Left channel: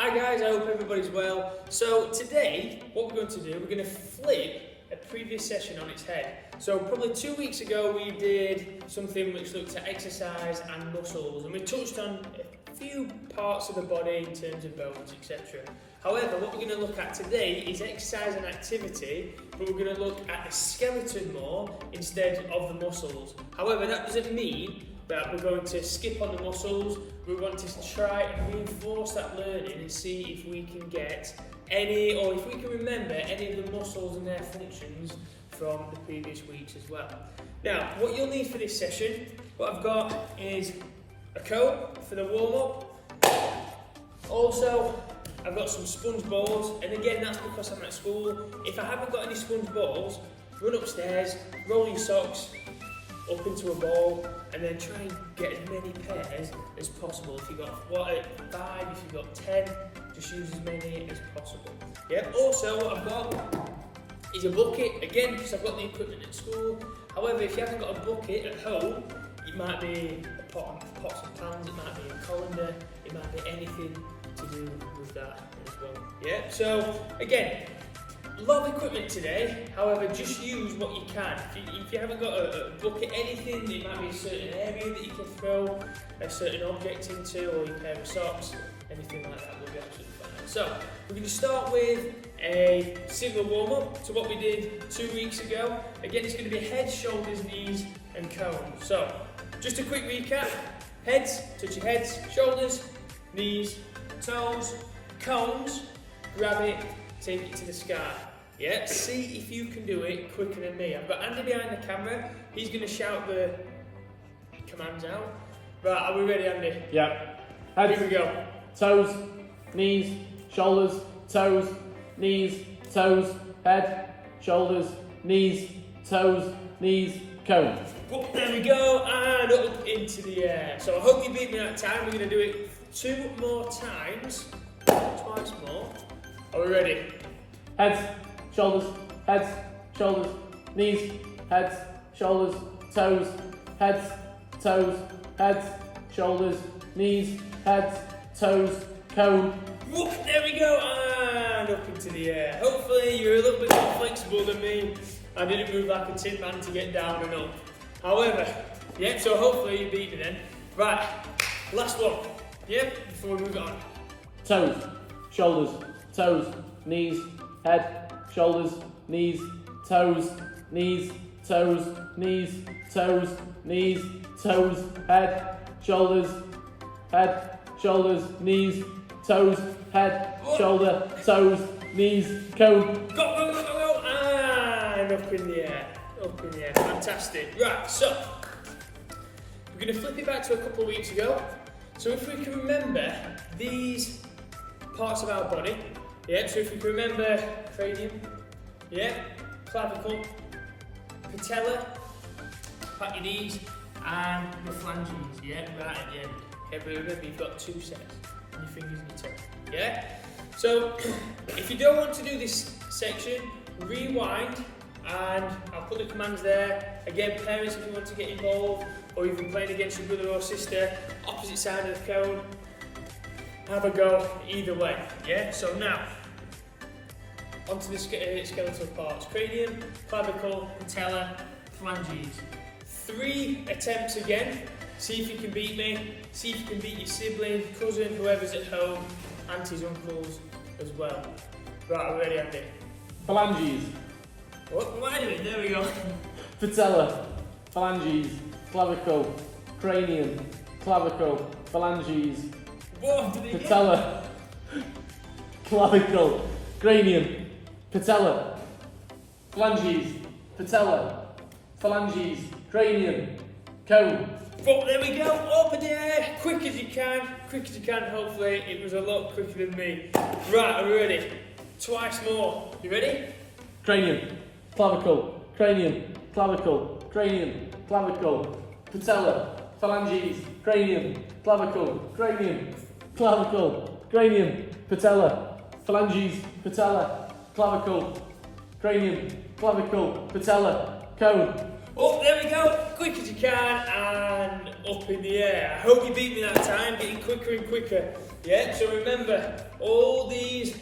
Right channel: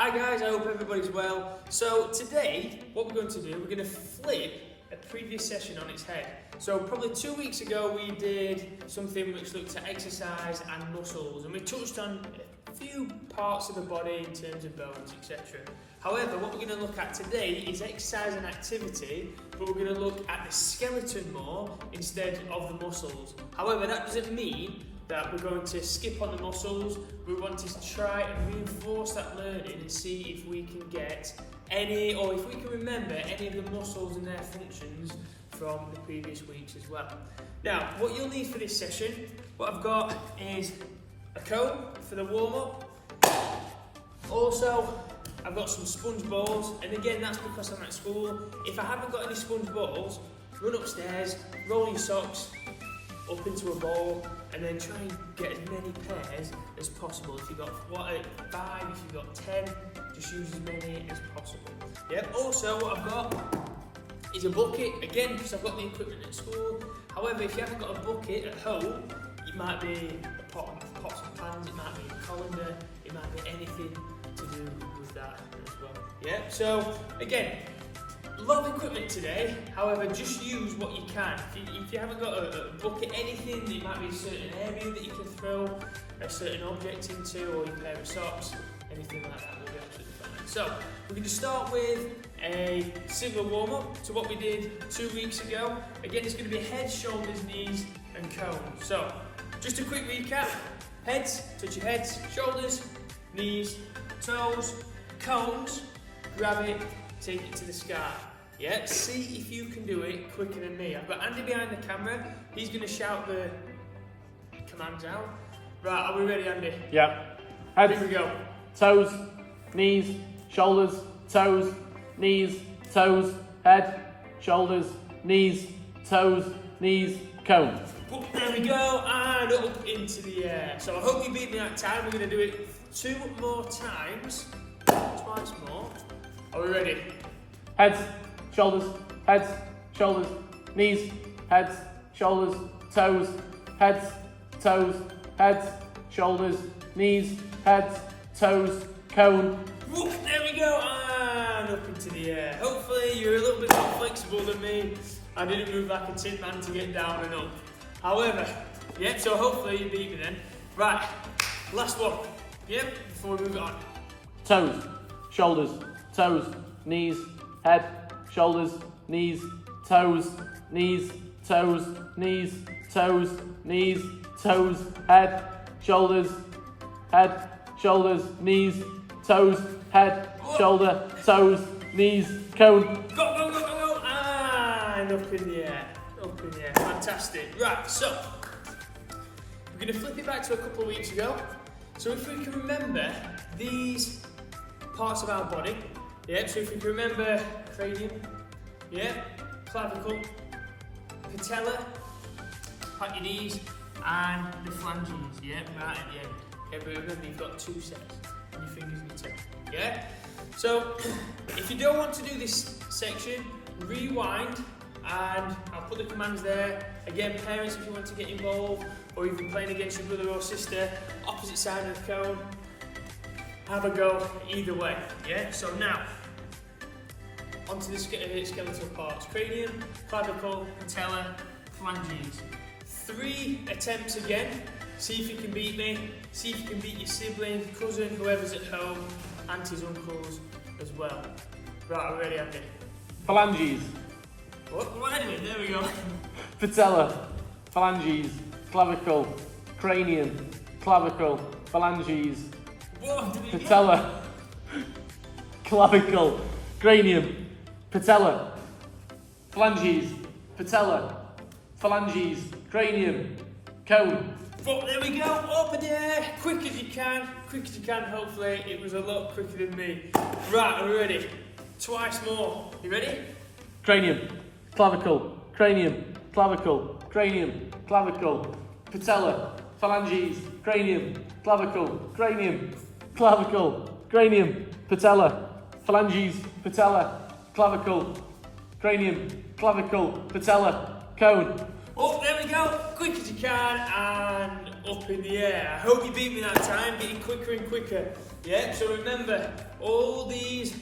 Hi guys, I hope everybody's well. So today, what we're going to do, we're going to flip a previous session on its head. So probably 2 weeks ago we did something which looked at exercise and muscles, and we touched on a few parts of the body in terms of bones, etc. However, what we're going to look at today is exercise and activity, but we're going to look at the skeleton more instead of the muscles. However, that doesn't mean that we're going to skip on the muscles. We want to try and reinforce that learning and see if we can get any, or if we can remember any of the muscles and their functions from the previous weeks as well. Now, what you'll need for this session, what I've got is a cone for the warm-up. Also, I've got some sponge balls, and again, that's because I'm at school. If I haven't got any sponge balls, run upstairs, roll your socks up into a ball, and then try and get as many pairs as possible. If you've got 5, if you've got 10, just use as many as possible. Yeah. Also, what I've got is a bucket, again, because I've got the equipment at school. However, if you haven't got a bucket at home, it might be a pots and pans, it might be a colander, it might be anything to do with that as well. Yeah. So again, a lot of equipment today, however, just use what you can. If you haven't got a bucket, anything, it might be a certain area that you can throw a certain object into, or your pair of socks, anything like that will be absolutely fine. So, we're going to start with a single warm-up to what we did 2 weeks ago. Again, it's going to be head, shoulders, knees, and cones. So, just a quick recap. Heads, touch your heads, shoulders, knees, toes, cones, grab it, take it to the sky. Yeah, see if you can do it quicker than me. I've got Andy behind the camera. He's going to shout the commands out. Right, are we ready, Andy? Yep. Head, here we go. Toes, knees, shoulders, toes, knees, toes, head, shoulders, knees, toes, knees, cone. Oh, there we go, and up into the air. So I hope you beat me that time. We're going to do it 2 more times, twice more. Are we ready? Heads, shoulders, knees, heads, shoulders, toes, heads, shoulders, knees, heads, toes, cone. Whoop, there we go, and up into the air. Hopefully you're a little bit more flexible than me. I didn't move like a tin man to get down and up. However, yeah, so hopefully you beat me then. Right, last one, yeah, before we move on. Toes, shoulders, toes, knees, head, shoulders, knees, toes, knees, toes, knees, toes, knees, toes, head, shoulders, knees, toes, head, shoulder, toes, knees, cone. Go, go, go, go, go, and up in the air, fantastic. Right, so, we're going to flip it back to a couple of weeks ago. So if we can remember these parts of our body, yeah, so if we can remember cranium, yeah, clavicle, patella, pat your knees, and the phalanges, yeah, right at the end. Yeah, but remember you've got 2 sets, and your fingers and your toe, yeah? So, if you don't want to do this section, rewind, and I'll put the commands there. Again, parents, if you want to get involved, or you've been playing against your brother or sister, opposite side of the cone, have a go either way, yeah? So now, onto the skeletal parts. Cranium, clavicle, patella, phalanges. 3 attempts again. See if you can beat me. See if you can beat your sibling, cousin, whoever's at home, aunties, uncles as well. Right, we're ready, Andy. Phalanges. What am I doing? There we go. Patella, phalanges, clavicle, cranium, clavicle, phalanges, What? patella, clavicle, cranium, patella, phalanges, patella, phalanges, cranium, cone. Oh, there we go, up in the air, quick as you can, hopefully it was a lot quicker than me. Right, are we ready? Twice more, you ready? Cranium, clavicle, cranium, clavicle, cranium, clavicle, patella, phalanges, cranium, clavicle, cranium, clavicle, cranium, patella, phalanges, patella, clavicle, cranium, clavicle, patella, cone. Oh, there we go, quick as you can, and up in the air. I hope you beat me that time, getting quicker and quicker. Yeah, so remember, all these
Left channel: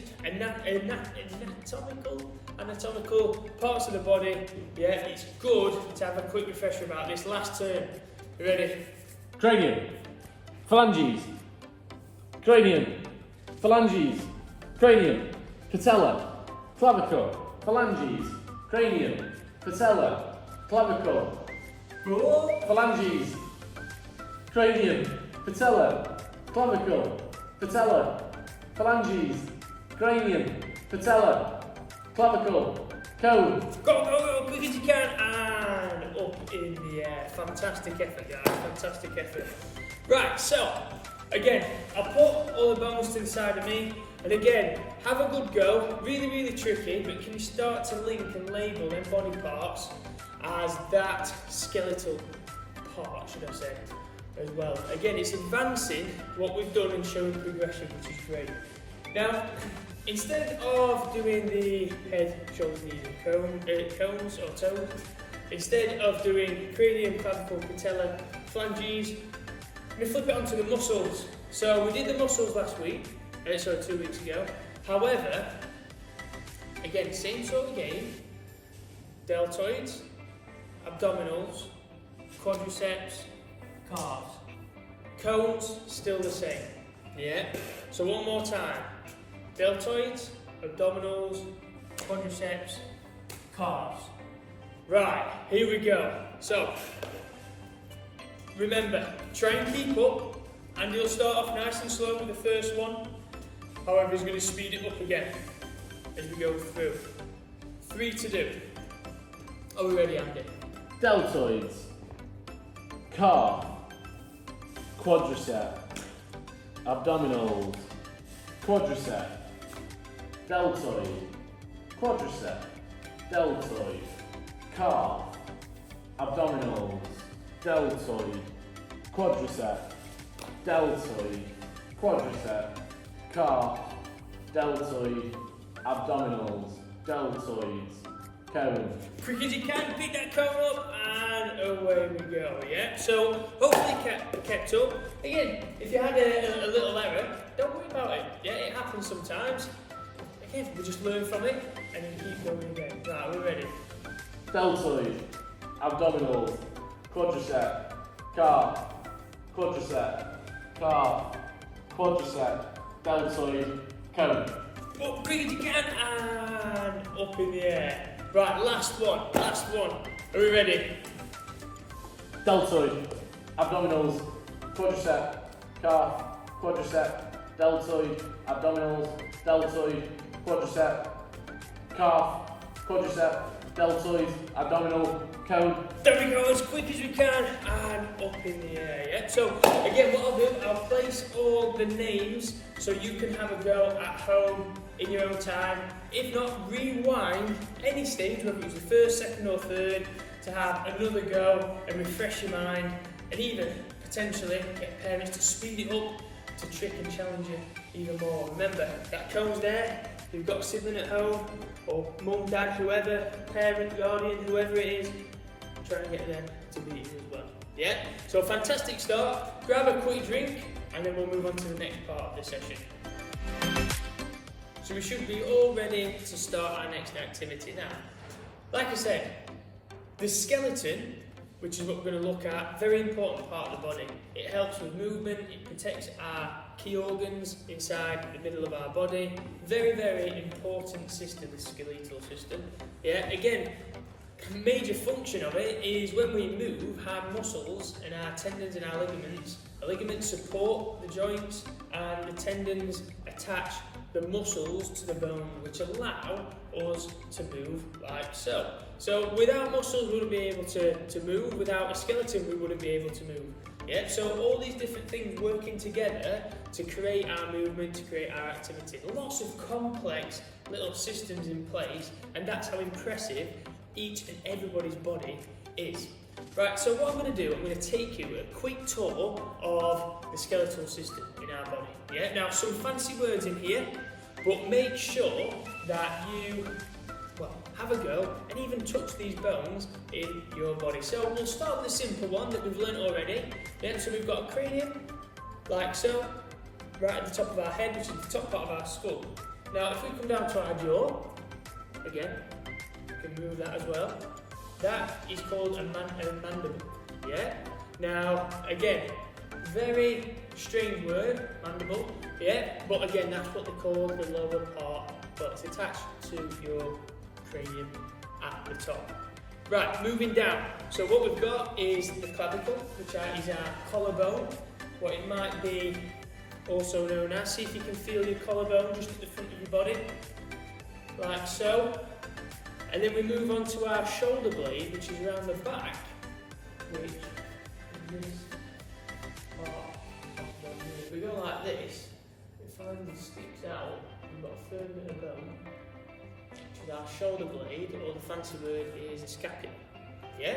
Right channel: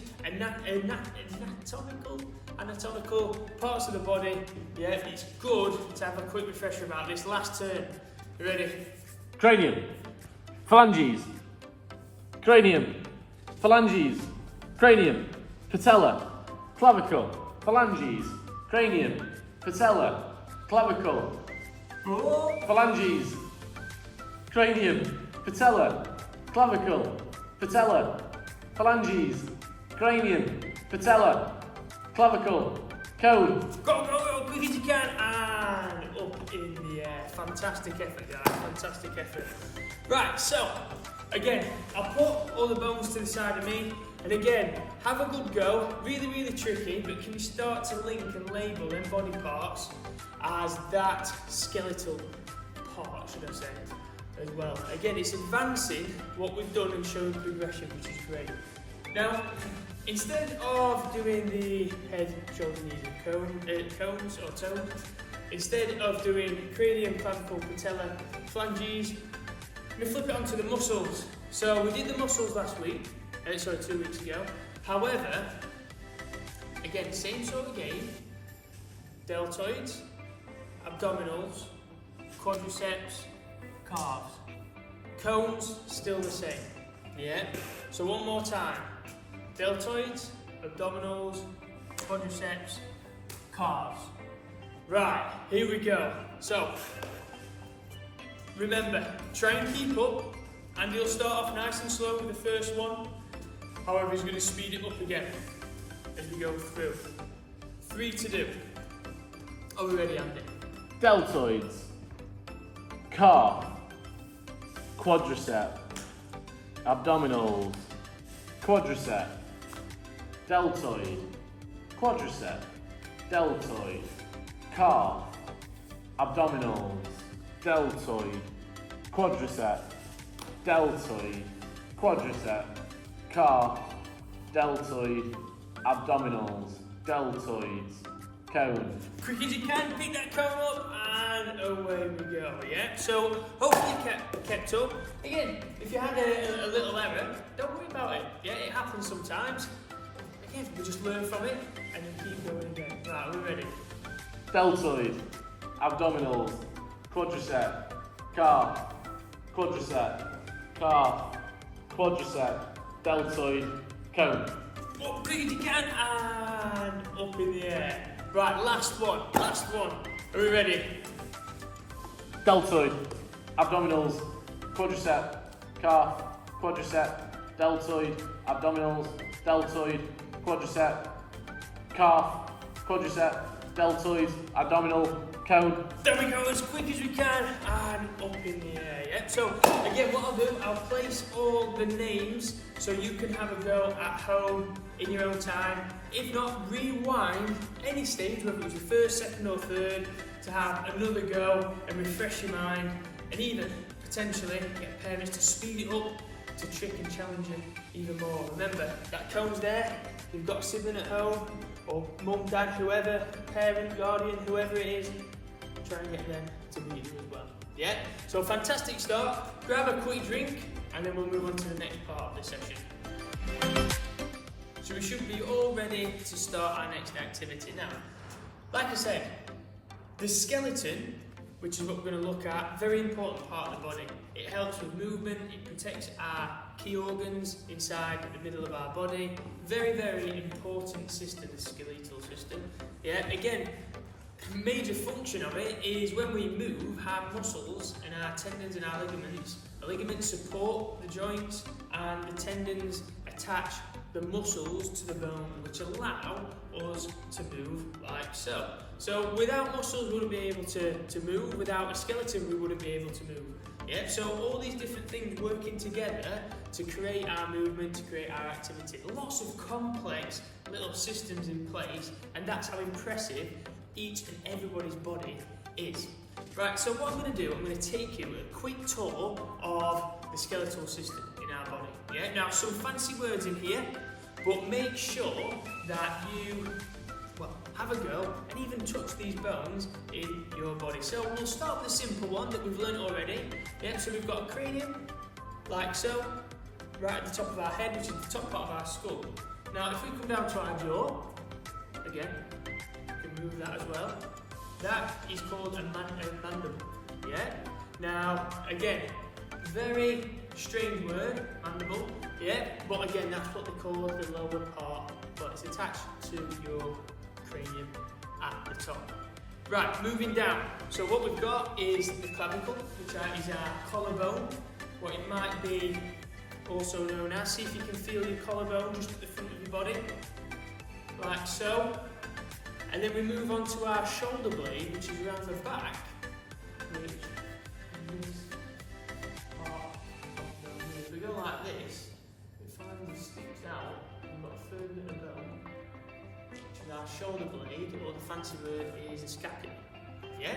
anatomical parts of the body, yeah, it's good to have a quick refresher about this last turn. You ready? Cranium, phalanges, cranium, phalanges, cranium, patella, clavicle, phalanges, cranium, patella, clavicle, phalanges, cranium, patella, clavicle, patella, phalanges, cranium, patella, clavicle, cone. Go, quick as you can, and up in the air. Fantastic effort, guys, fantastic effort. Right, so, again, I'll put all the bones to the side of me, and again, have a good go. Really, really tricky, but can you start to link and label them body parts as that skeletal part, should I say, as well. Again, it's advancing what we've done and showing progression, which is great. Now, instead of doing the head, shoulders, knees and cones or toes, instead of doing cranium, clavicle, patella, phalanges, I'm going to flip it onto the muscles. So we did the muscles last week, 2 weeks ago. However, again, same sort of game, deltoids, abdominals, quadriceps, calves. Cones, still the same. Yeah? So one more time. Deltoids, abdominals, quadriceps, calves. Right, here we go. So, remember, try and keep up, and you'll start off nice and slow with the first one. However, he's going to speed it up again as we go through. 3 to do. Are we ready, Andy? Deltoids, calf, quadricep, abdominals, quadricep, deltoid, quadricep, deltoid, calf, abdominals, deltoid, quadricep, deltoid, quadricep, calf, deltoid, abdominals, deltoids, cone. Quick as you can, pick that cone up, and away we go, yeah? So, hopefully kept up. Again, if you had a little error, don't worry about it, yeah? It happens sometimes. Again, we just learn from it, and then keep going again. Right, we're ready. Deltoid, abdominals, quadricep, calf, quadricep, calf, quadricep, deltoid, cone. Up quick as you can, and up in the air. Right, last one. Are we ready? Deltoid, abdominals, quadricep, calf, quadricep, deltoid, abdominals, deltoid, quadricep, calf, quadricep, deltoid, abdominal, cone. There we go, as quick as we can, and up in the air, yeah? So, again, what I'll do, I'll place all the names so you can have a go at home in your own time. If not, rewind any stage, whether it's the first, second or third, to have another go and refresh your mind, and even potentially get parents to speed it up to trick and challenge you even more. Remember, that cone's there. If you've got a sibling at home, or mum, dad, whoever, parent, guardian, whoever it is, try and get them to beat you as well. Yeah? So fantastic start. Grab a quick drink, and then we'll move on to the next part of the session. So we should be all ready to start our next activity now. Like I said, the skeleton, which is what we're going to look at, very important part of the body. It helps with movement, it protects our key organs inside the middle of our body. Very, very important system, the skeletal system. Yeah, again, major function of it is when we move, our muscles and our tendons and our ligaments. The ligaments support the joints, and the tendons attach the muscles to the bone, which allow us to move like so. So without muscles we wouldn't be able to move, without a skeleton we wouldn't be able to move. Yeah, so all these different things working together to create our movement, to create our activity. Lots of complex little systems in place, and that's how impressive each and everybody's body is. Right, so what I'm going to do, I'm going to take you a quick tour of the skeletal system in our body. Yeah, now some fancy words in here, but make sure that you, have a go and even touch these bones in your body. So we'll start with the simple one that we've learnt already. Yeah, so we've got a cranium, like so, right at the top of our head, which is the top part of our skull. Now, if we come down to our jaw, again, we can move that as well. That is called a mandible. Yeah. Now, again, very strange word, mandible. Yeah, but again, that's what they call the lower part, but it's attached to your cranium at the top. Right, moving down. So what we've got is the clavicle, which is our collarbone, what it might be also known as. See if you can feel your collarbone just at the front of your body, like so. And then we move on to our shoulder blade, which is around the back, which is this part of the knee. If we go like this, it finally sticks out. We've got a third bit of bone, which is our shoulder blade, or the fancy word is a scapula. Yeah?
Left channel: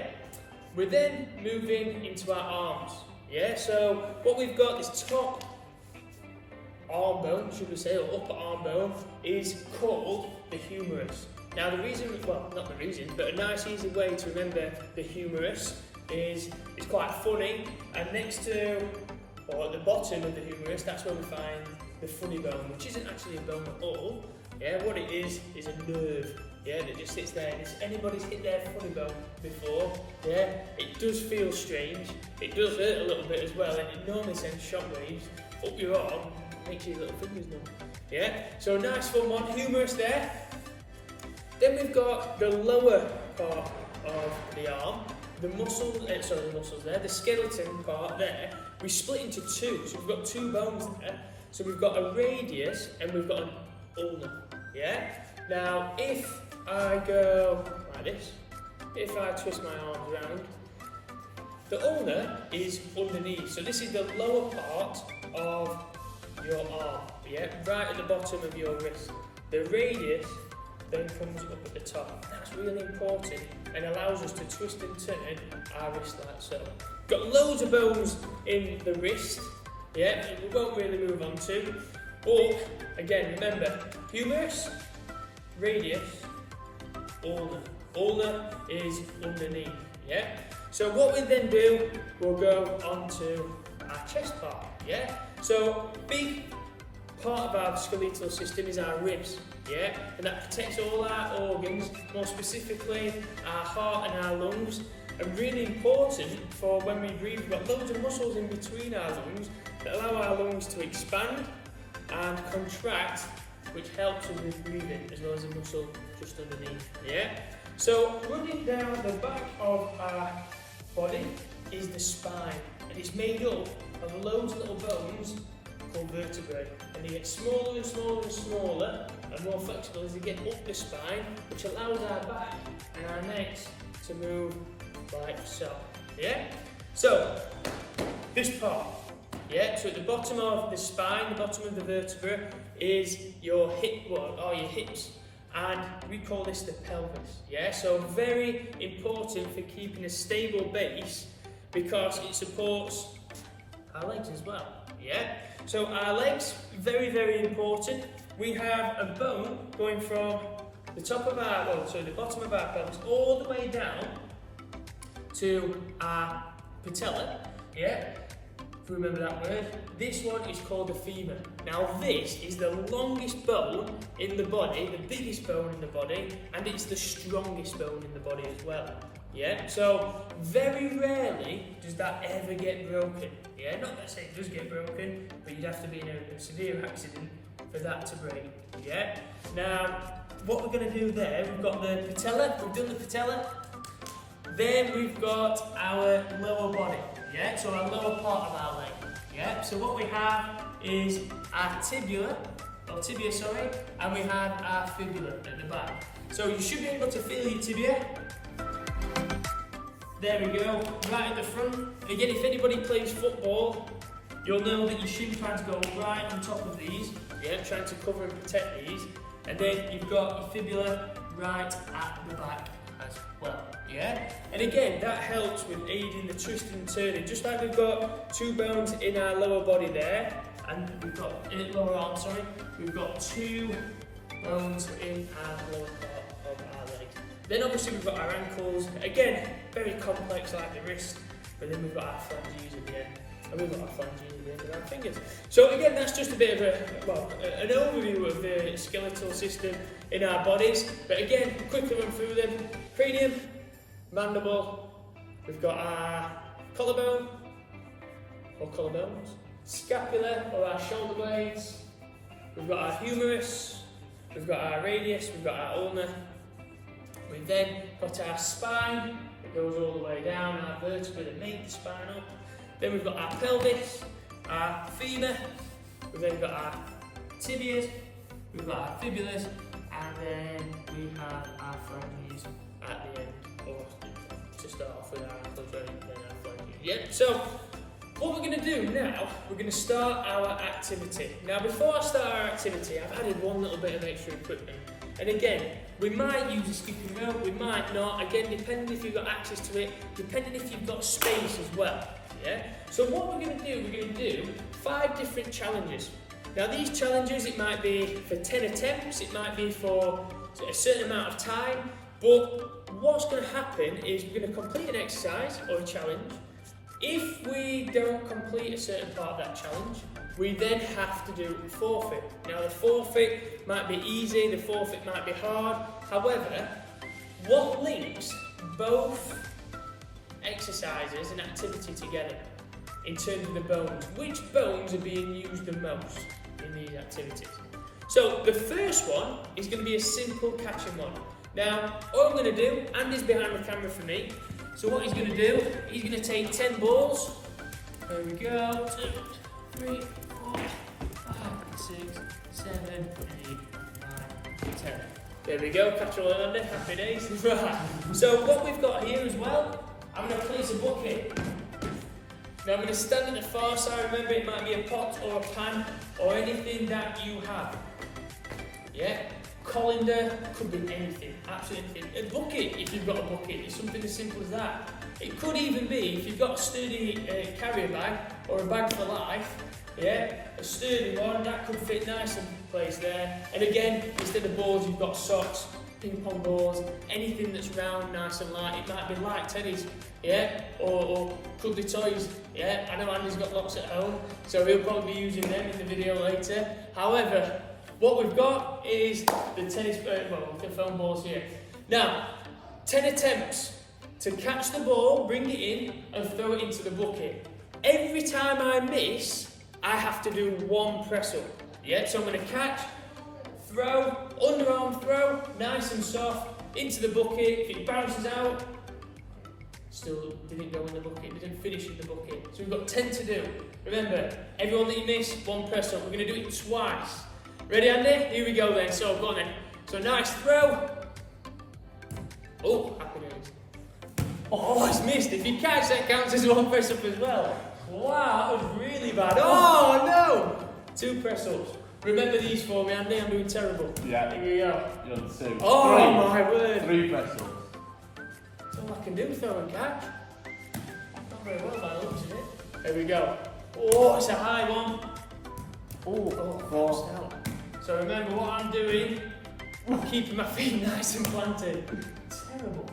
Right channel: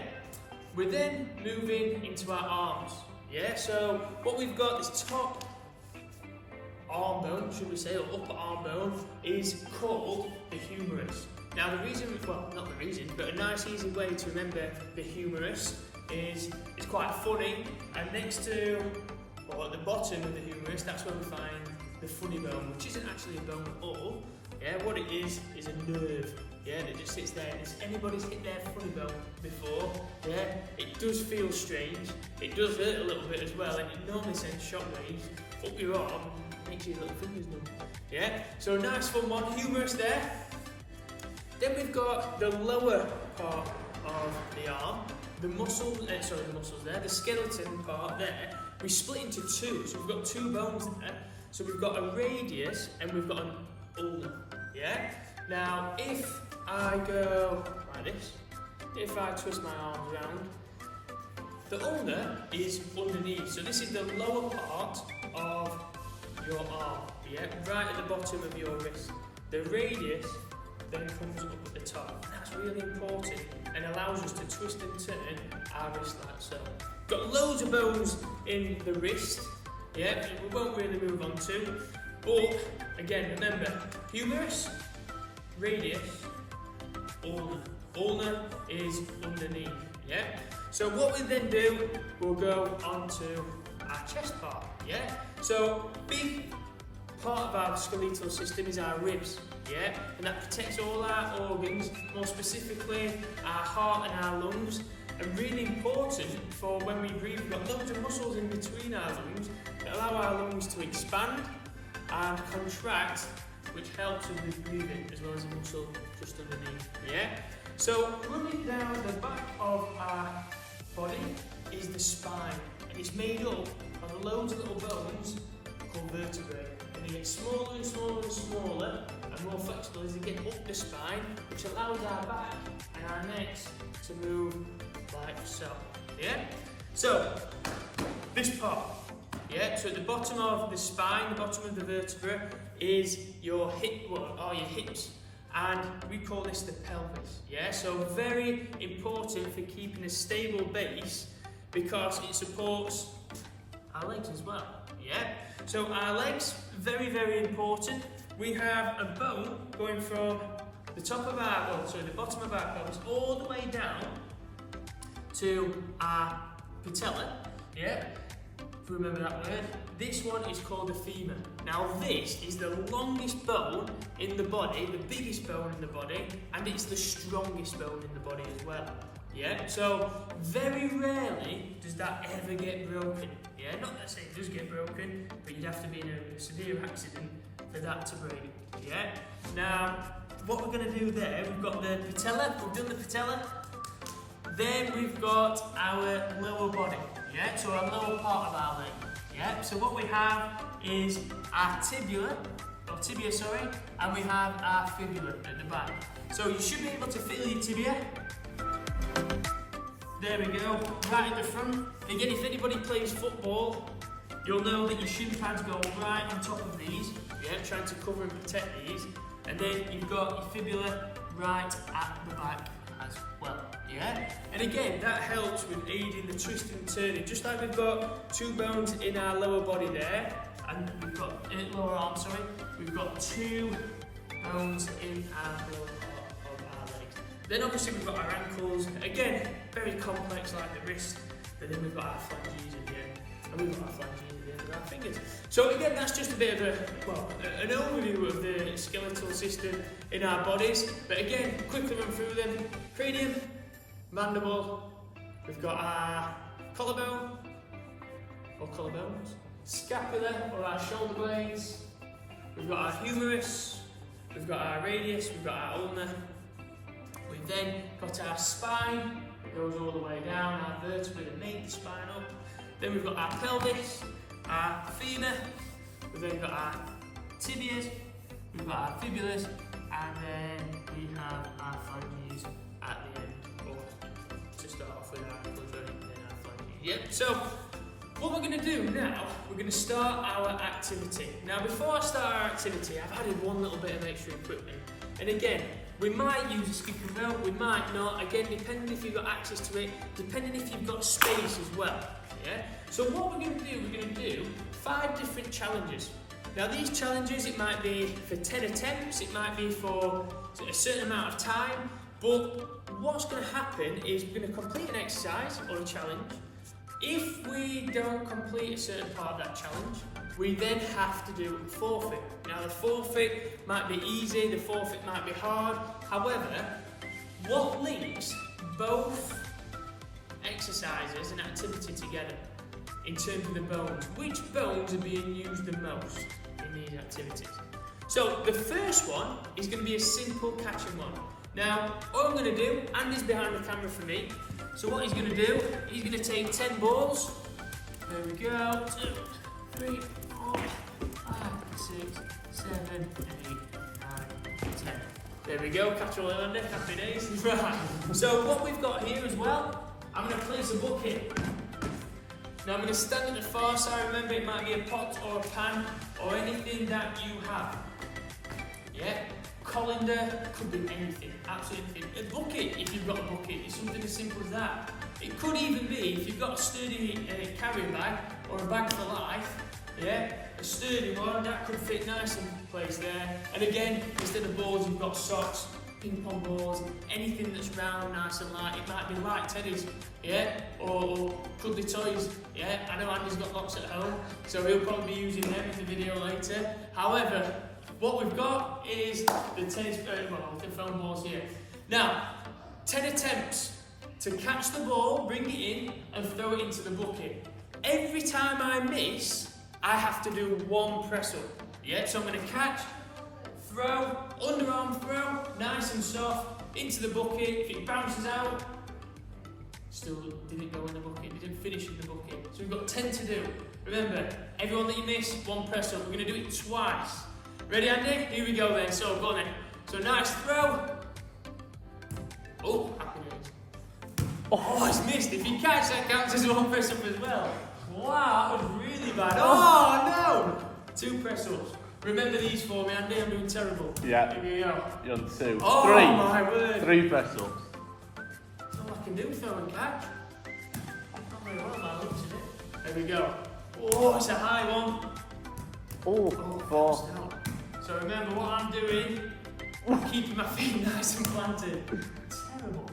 We're then moving into our arms. Yeah, so what we've got is top arm bone, should we say, or upper arm bone, is called the humerus. Now the reason, well, not the reason, but a nice easy way to remember the humerus is, it's quite funny, and next to, or at the bottom of the humerus, that's where we find the funny bone, which isn't actually a bone at all. Yeah, what it is a nerve. Yeah, that just sits there. And if anybody's hit their funny bone before, yeah, it does feel strange. It does hurt a little bit as well, and it normally sends shockwaves up your arm, makes your little fingers numb. Yeah, so nice fun one, humerus there. Then we've got the lower part of the arm, the muscles there, the skeleton part there. We split into two, so we've got two bones there. So we've got a radius and we've got an ulna. Yeah. Now, if I go like this, if I twist my arms around, the ulna is underneath. So this is the lower part of your arm. Yeah, right at the bottom of your wrist. The radius then comes up at the top. That's really important and allows us to twist and turn our wrist like so. Got loads of bones in the wrist, yeah, we won't really move on to. But again, remember, humerus, radius, ulna. Ulna is underneath, yeah? So what we then do, we'll go on to our chest part, yeah? So big part of our skeletal system is our ribs. Yeah, and that protects all our organs, more specifically our heart and our lungs, and really important for when we breathe. We've got loads of muscles in between our lungs that allow our lungs to expand and contract, which helps us with breathing, as well as a muscle just underneath. Yeah, so running down the back of our body is the spine, and it's made up of loads of little bones called vertebrae, and they get smaller and smaller and smaller and more flexible as they get up the spine, which allows our back and our necks to move like so. Yeah? So, this part. Yeah? So at the bottom of the spine, the bottom of the vertebra, is your your hips. And we call this the pelvis. Yeah? So very important for keeping a stable base, because it supports our legs as well. Yeah? So our legs, very, very important. We have a bone going from the top of our, the bottom of our pelvis all the way down to our patella. Yeah, if you remember that word. This one is called the femur. Now this is the longest bone in the body, the biggest bone in the body, and it's the strongest bone in the body as well. Yeah, so very rarely does that ever get broken. Yeah, not that it does get broken, but you'd have to be in a severe accident for that to break. Yeah. Now, what we're going to do there, we've got the patella. We've done the patella. Then we've got our lower body. Yeah. So our lower part of our leg. Yeah. So what we have is our tibia, and we have our fibula at the back. So you should be able to feel your tibia. There we go, right at the front. And again, if anybody plays football, you'll know that you should try to go right on top of these. Yeah, trying to cover and protect these. And then you've got your fibula right at the back as well. Yeah? And again, that helps with aiding the twisting and turning. Just like we've got two bones in our lower body there, and we've got, lower arm, sorry, we've got two bones in our lower part of our legs. Then obviously we've got our ankles, again, very complex like the wrist, but then we've got our phalanges at the end, and we've got our phalanges at the end of our fingers. So again, that's just a bit of an overview of the skeletal system in our bodies, but again, quickly run through them. Cranium, mandible, we've got our collarbone, or collarbones, scapula, or our shoulder blades, we've got our humerus, we've got our radius, we've got our ulna, we've then got our spine, it goes all the way down, our vertebrae that make the spine up, then we've got our pelvis, our femur, we've then got our tibias, we've got our fibulas, and then we have our phalanges at the end, or to start off with our ankle joint and then our phalanges. Yep, so what we're going to do now, we're going to start our activity. Now before I start our activity, I've added one little bit of extra equipment. And again, we might use a skipping rope, we might not, again depending if you've got access to it, depending if you've got space as well. Yeah? So what we're going to do 5 different challenges. Now these challenges, it might be for 10 attempts, it might be for a certain amount of time, but what's going to happen is we're going to complete an exercise or a challenge. If we don't complete a certain part of that challenge, we then have to do a forfeit. Now the forfeit might be easy, the forfeit might be hard. However, what links both exercises and activity together in terms of the bones? Which bones are being used the most in these activities? So the first one is going to be a simple catching one. Now, all I'm going to do, Andy's behind the camera for me, so what he's going to do, he's going to take 10 balls. There we go. 2, 3, 4, 5, 6, 7, 8, 9, 10. There we go, catch all Andy, happy days. Right, so what we've got here as well, I'm going to place a bucket. Now I'm going to stand at the far side, remember it might be a pot or a pan or anything that you have. Yeah? Colander, could be anything, absolutely anything. A bucket, if you've got a bucket, it's something as simple as that. It could even be, if you've got a sturdy carrier bag or a bag for life, yeah, a sturdy one, that could fit nice and placed there. And again, instead of balls, you've got socks, ping pong balls, anything that's round, nice and light. It might be light tennis, yeah, or cuddly toys, yeah. I know Andy's got lots at home, so he'll probably be using them in the video later. However, what we've got is the tennis, the foam balls here. Now, 10 attempts to catch the ball, bring it in, and throw it into the bucket. Every time I miss, I have to do 1 press up. Yeah, so I'm going to catch, throw, underarm throw, nice and soft, into the bucket. If it bounces out, still didn't go in the bucket, didn't finish in the bucket. So we've got 10 to do. Remember, everyone that you miss, 1 press up. We're going to do it twice. Ready, Andy? Here we go then. So, go on then. So, nice throw. Oh, happy days. Oh, it's missed. If you catch, that counts as 1 press up as well. Wow, that was really bad. Oh, no! 2 press ups. Remember these for me, Andy. I'm doing terrible. Yeah. Here we go. You're on 2. Oh, 3. my word. 3 press ups. That's all I can do, throw and catch. Not very well by the looks of it. There we go. Oh, it's a high one. Oh, 4. Out. So remember what I'm doing, I'm keeping my feet nice and planted. Terrible.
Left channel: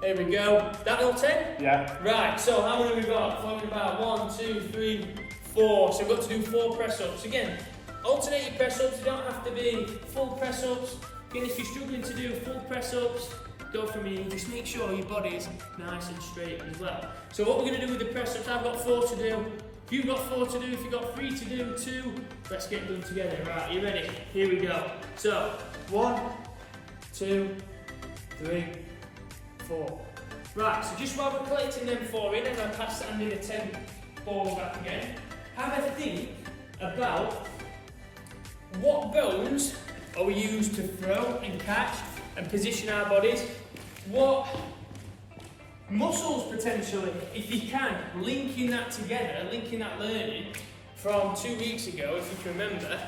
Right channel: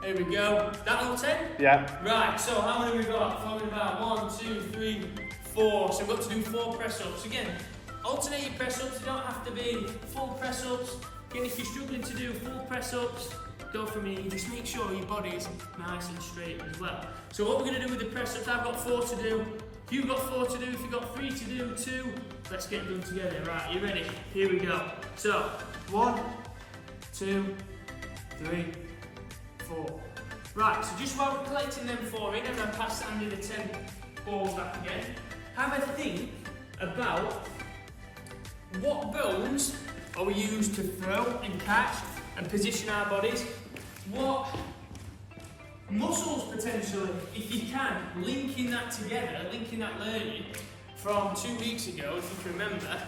There we go. That all 10? Yeah. Right, so how many have we got? Following about 1, 2, 3, 4. So we've got to do 4 press-ups. Again, alternate your press-ups. You don't have to be full press-ups. Again, if you're struggling to do full press-ups, go for me. Just make sure your body is nice and straight as well. So what we're going to do with the press-ups, I've got 4 to do. If you've got 4 to do, if you've got 3 to do, 2, let's get them together. Right, you ready? Here we go. So, 1, 2, 3, 4. Right, so just while we're collecting them 4 in, and I pass Andy the 10 balls back again, have a think about what bones are we used to throw and catch and position our bodies. What muscles potentially, if you can, linking that together, linking that learning from 2 weeks ago, if you can remember,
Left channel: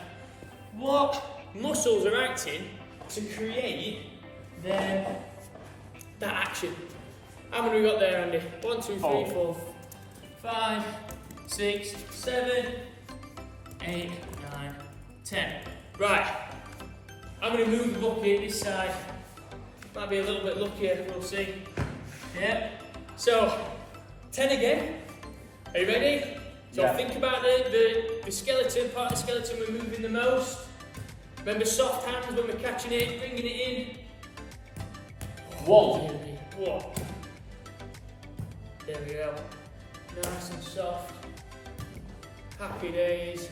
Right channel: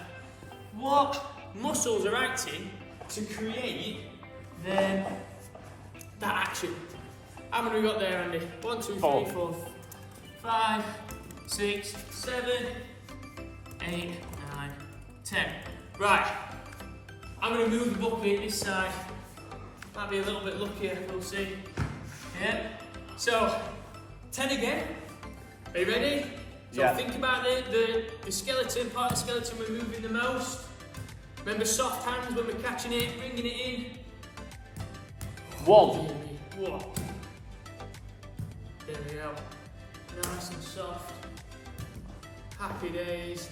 what muscles are acting to create that action. How many we got there, Andy? 1, 2, 3, 4, 5, 6, 7, 8, 9, 10. Right, I'm going to move the bucket this side. Might be a little bit luckier, we'll see. Yeah. So, 10 again. Are you ready? So Yeah. think about the skeleton, part of the skeleton we're moving the most. Remember soft hands when we're catching it, bringing it in. 1. 1. There we go. Nice and soft. Happy days.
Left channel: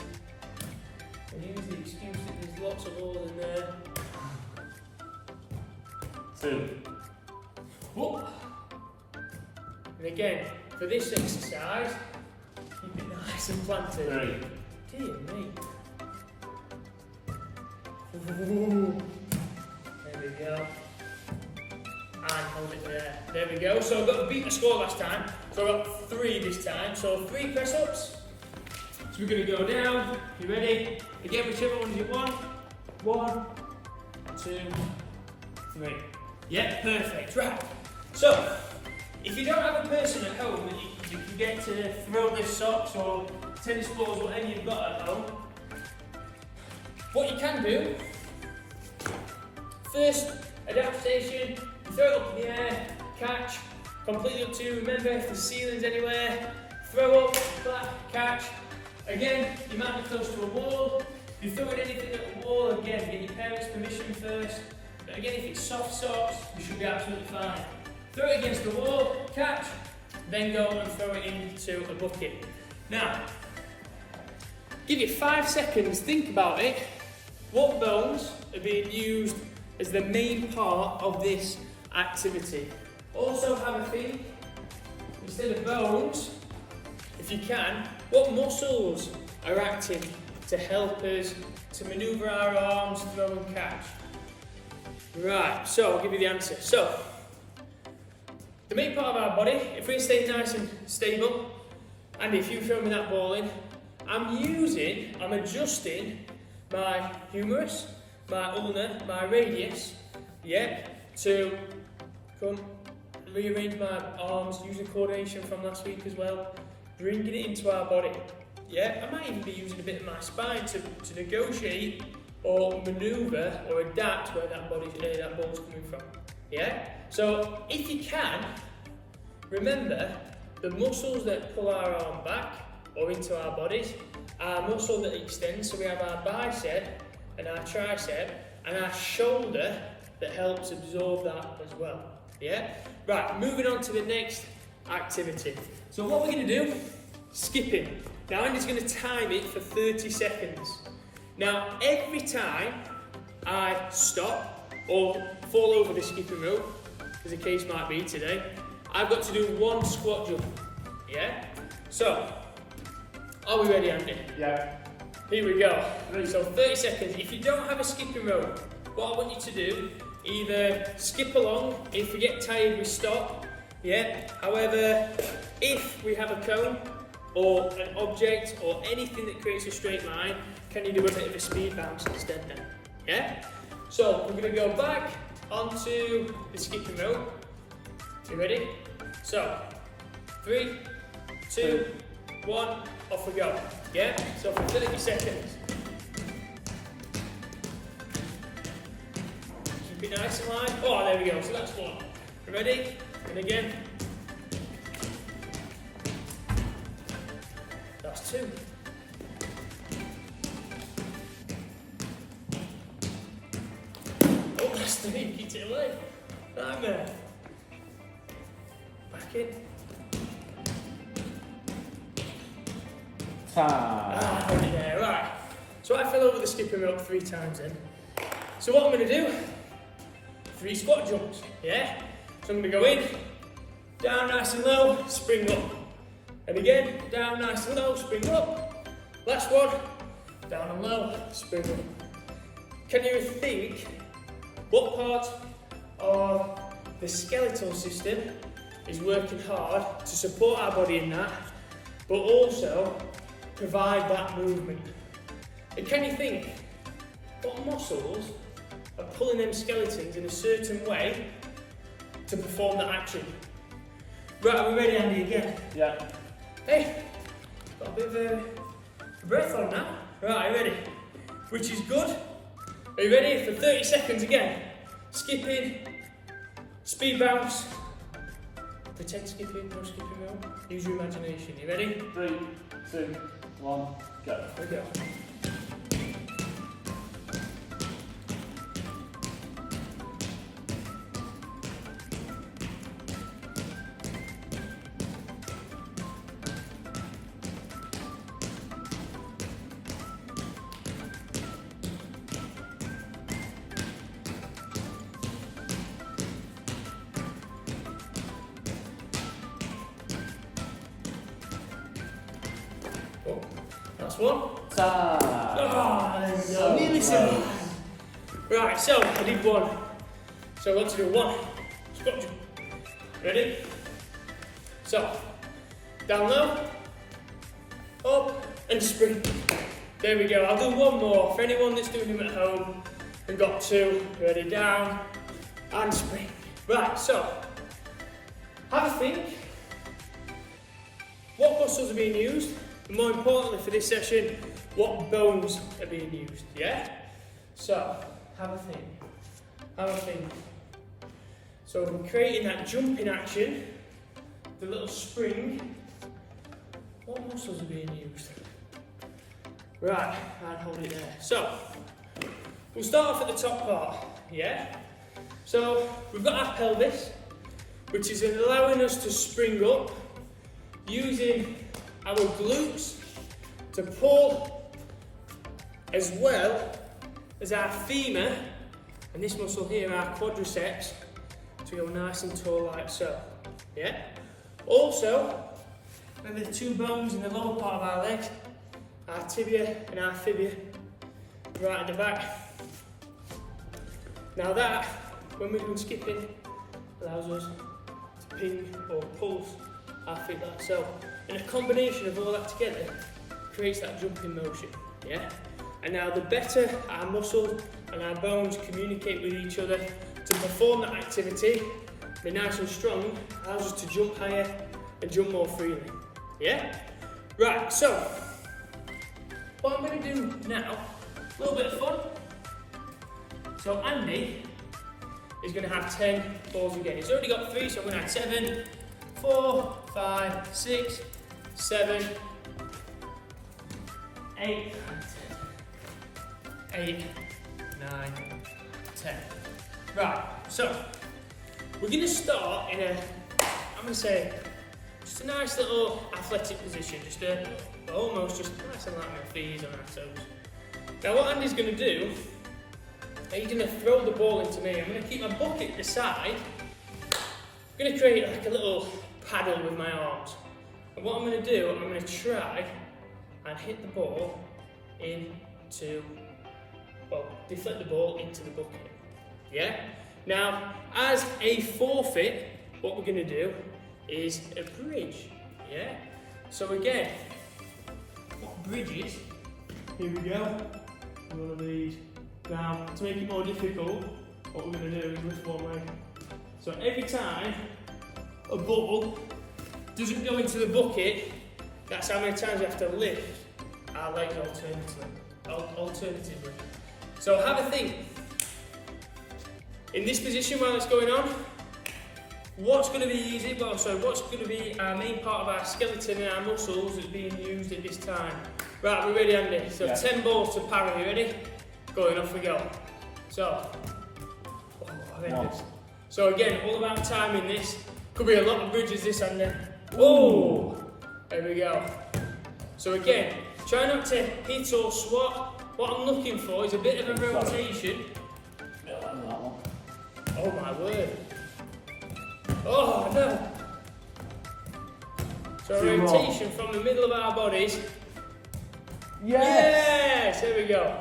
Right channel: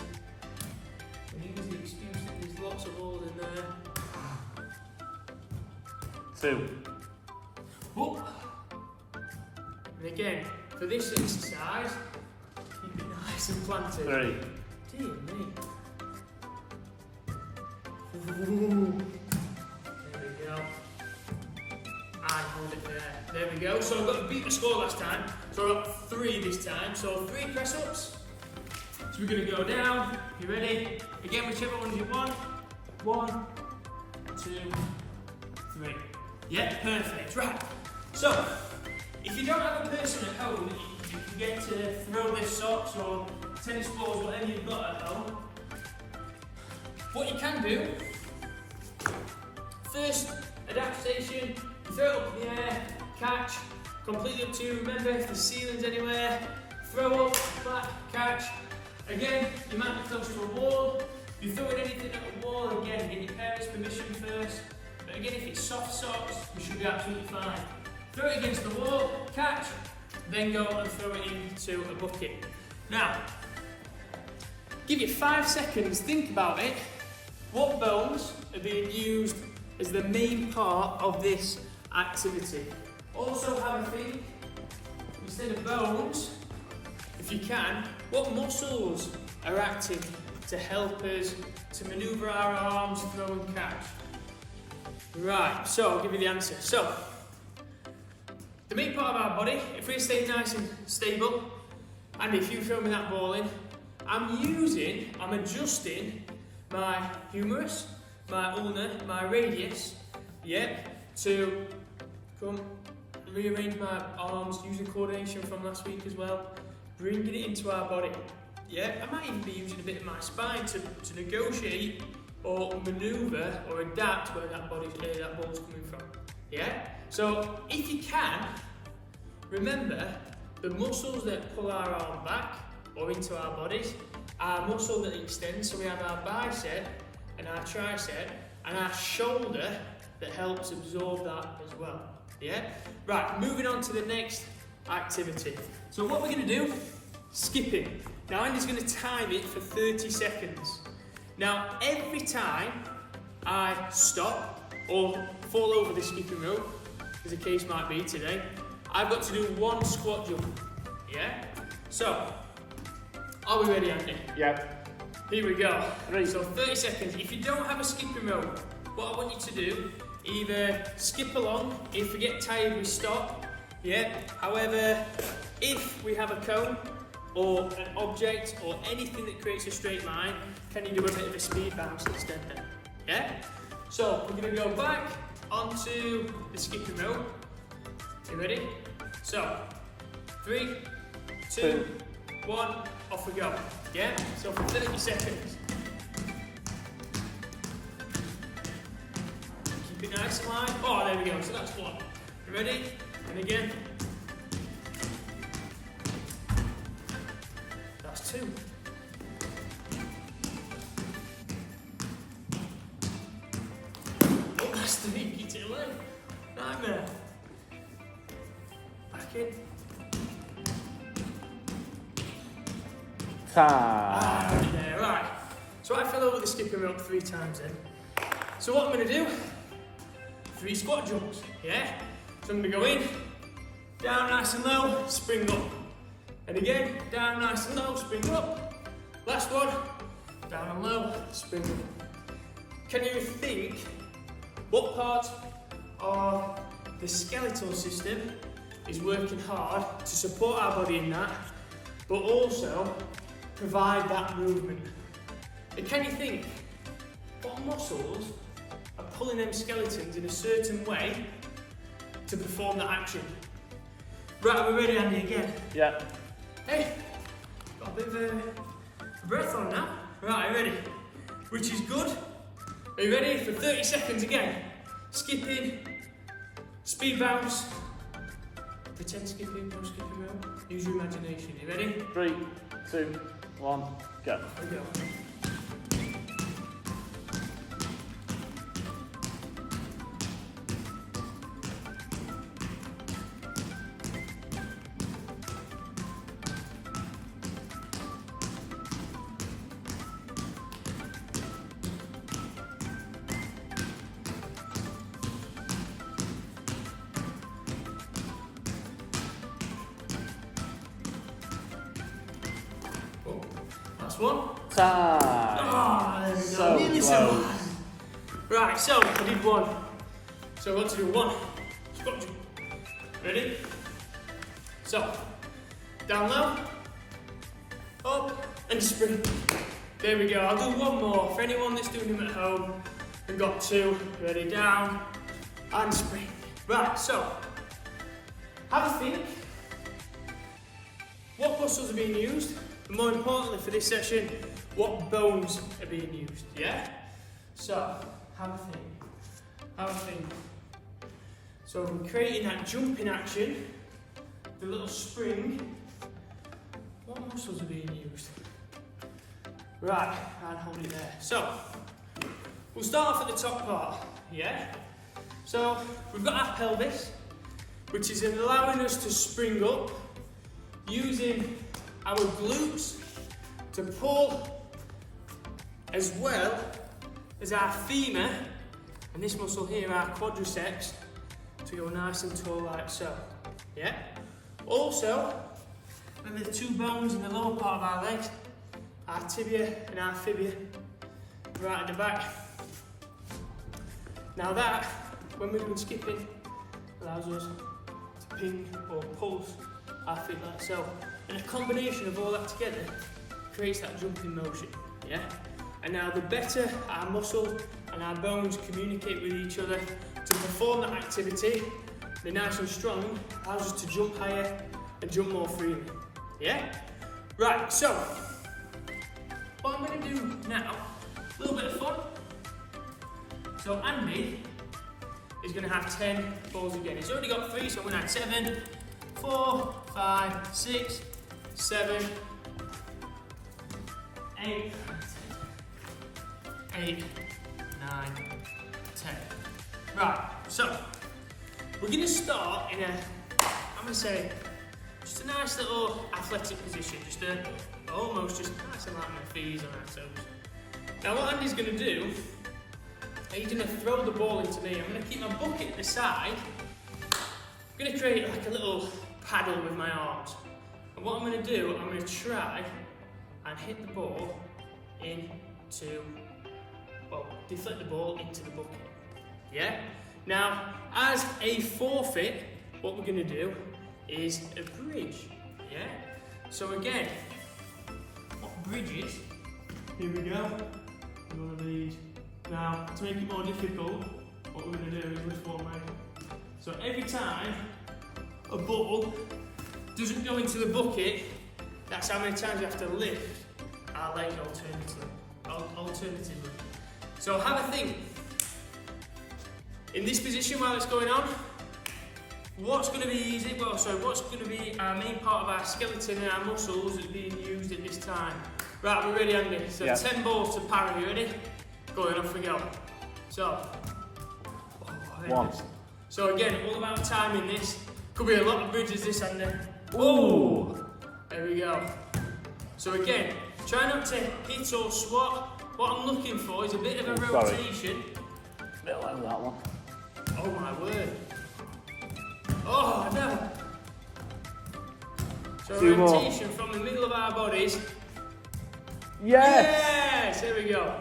And use the excuse that there's lots of holes in there. 2. Whoop. And again, for this exercise, keep it nice and planted. 3. Dear me. Ooh. There we go. And hold it there. There we go. So I've got to beat the score last time. So I've got 3 this time. So 3 press ups. So we're going to go down. You ready? Again, whichever ones you want. 1, 2, 3. Yeah, perfect. Right. So, if you don't have a person at home that you can get to throw their socks or tennis balls, whatever you've got at home, what you can do, first adaptation, you throw it up in the air, catch, completely up to you. Remember, if the ceiling's anywhere, throw up, clap, catch. Again, you might be close to a wall. If you're throwing anything at a wall, again, get your parents' permission first. But again, if it's soft socks, you should be absolutely fine. Throw it against the wall, catch, then go and throw it into a bucket. Now, give you 5 seconds, think about it. What bones are being used as the main part of this activity? Also have a think, instead of bones, if you can, what muscles are acting to help us to manoeuvre our arms, throw and catch? Right, so I'll give you the answer. So, the main part of our body, if we stay nice and stable, and if you throw me that ball in, I'm adjusting my humerus, my ulnar, my radius, yeah, to come rearrange my arms, using coordination from last week as well, bringing it into our body. Yeah, I might even be using a bit of my spine to negotiate or manoeuvre or adapt where that ball's coming from. Yeah? So if you can, remember the muscles that pull our arm back or into our bodies are muscles that extend. So we have our bicep and our tricep and our shoulder that helps absorb that as well. Yeah? Right, moving on to the next activity. So what we're going to do, skipping. Now Andy's going to time it for 30 seconds. Now every time I stop or fall over the skipping rope, as the case might be today, I've got to do 1 squat jump. Yeah? So, are we ready, Andy? Yeah. Here we go. 3. So 30 seconds. If you don't have a skipping rope, what I want you to do, either skip along, if we get tired we stop, yeah? However, if we have a cone or an object or anything that creates a straight line, can you do a bit of a speed bounce instead then? Yeah? So we're going to go back onto the skipping rope. You ready? So 3, 2, 1, off we go. Yeah? So for 30 seconds. Keep it nice and light. Oh, there we go. So that's 1. You ready? And again. That's 2. Oh, that's 3. Get it away. Right there. Back in. Yeah, right. So I fell over the skipping rope 3 times then. So what I'm going to do, 3 squat jumps, yeah? So I'm going to go in, down nice and low, spring up. And again, down nice and low, spring up. Last one, down and low, spring up. Can you think what part of the skeletal system is working hard to support our body in that, but also provide that movement? And can you think what muscles are pulling them skeletons in a certain way to perform that action? Right, are we ready, Andy, again? Yeah. Hey, got a bit of a breath on now. Right, are you ready? Which is good. Are you ready for 30 seconds again? Skipping, Speed bounce. Pretend skipping, no skipping round. Use your imagination. You ready? 3, 2, 1, go. Here we go. Oh, last one. Time. Oh, there we go. So Nearly close. survived. Right, so I did one. So I want to do one. Squat jump. Ready? So, down low, up, and spring. There we go. I'll do one more for anyone that's doing them at home and got 2. Ready, down, and spring. Right, so, have a think. What muscles are being used? And more importantly for this session, what bones are being used, yeah? So, have a think. Have a think. So we're creating that jumping action, the little spring. What muscles are being used? Right, and hold it there. So, we'll start off at the top part, yeah? So, we've got our pelvis, which is allowing us to spring up, using our glutes to pull, as well as our femur, and this muscle here, our quadriceps, to go nice and tall like so, yeah? Also, and the 2 bones in the lower part of our legs, our tibia and our fibia, right at the back. Now that, when we've been skipping, allows us to ping or pulse our feet like so. And a combination of all that together creates that jumping motion, yeah? And now the better our muscles and our bones communicate with each other to perform that activity, they're nice and strong, allows us to jump higher and jump more freely, yeah? Right, so, what I'm going to do now, a little bit of fun. So Andy is going to have 10 balls again. He's already got 3, so I'm going to add 7, 4, 5, 6, 7, 8, 8, 9, 10. Right, so we're going to start in I'm going to say, just a nice little athletic position, almost just nice and light on our feet, on our toes. Now what Andy's going to do, he's going to throw the ball into me. I'm going to keep my bucket at the side. I'm going to create like a little paddle with my arms. And what I'm going to do, I'm going to try and hit the ball deflect the ball into the bucket. Yeah? Now, as a forfeit, what we're going to do is a bridge. Yeah? So again, what bridges? Here we go. One of these. Now, to make it more difficult, what we're going to do is lift one leg. So every time a ball doesn't go into the bucket, that's how many times we have to lift our legs alternatively. So have a think. In this position while it's going on, what's going to be easy? What's going to be our main part of our skeleton and our muscles that's being used at this time? Right, we're ready, Andy. So yeah. 10 balls to parry. You ready? Going, off we go. So, So again, all about timing this. Could be a lot of bridges this, Andy. Oh, there we go. So again, try not to hit or swat. What I'm looking for is a bit of a rotation. A bit like that one. Oh my word. Oh no. So a rotation from the middle of our bodies. Yes, there we go.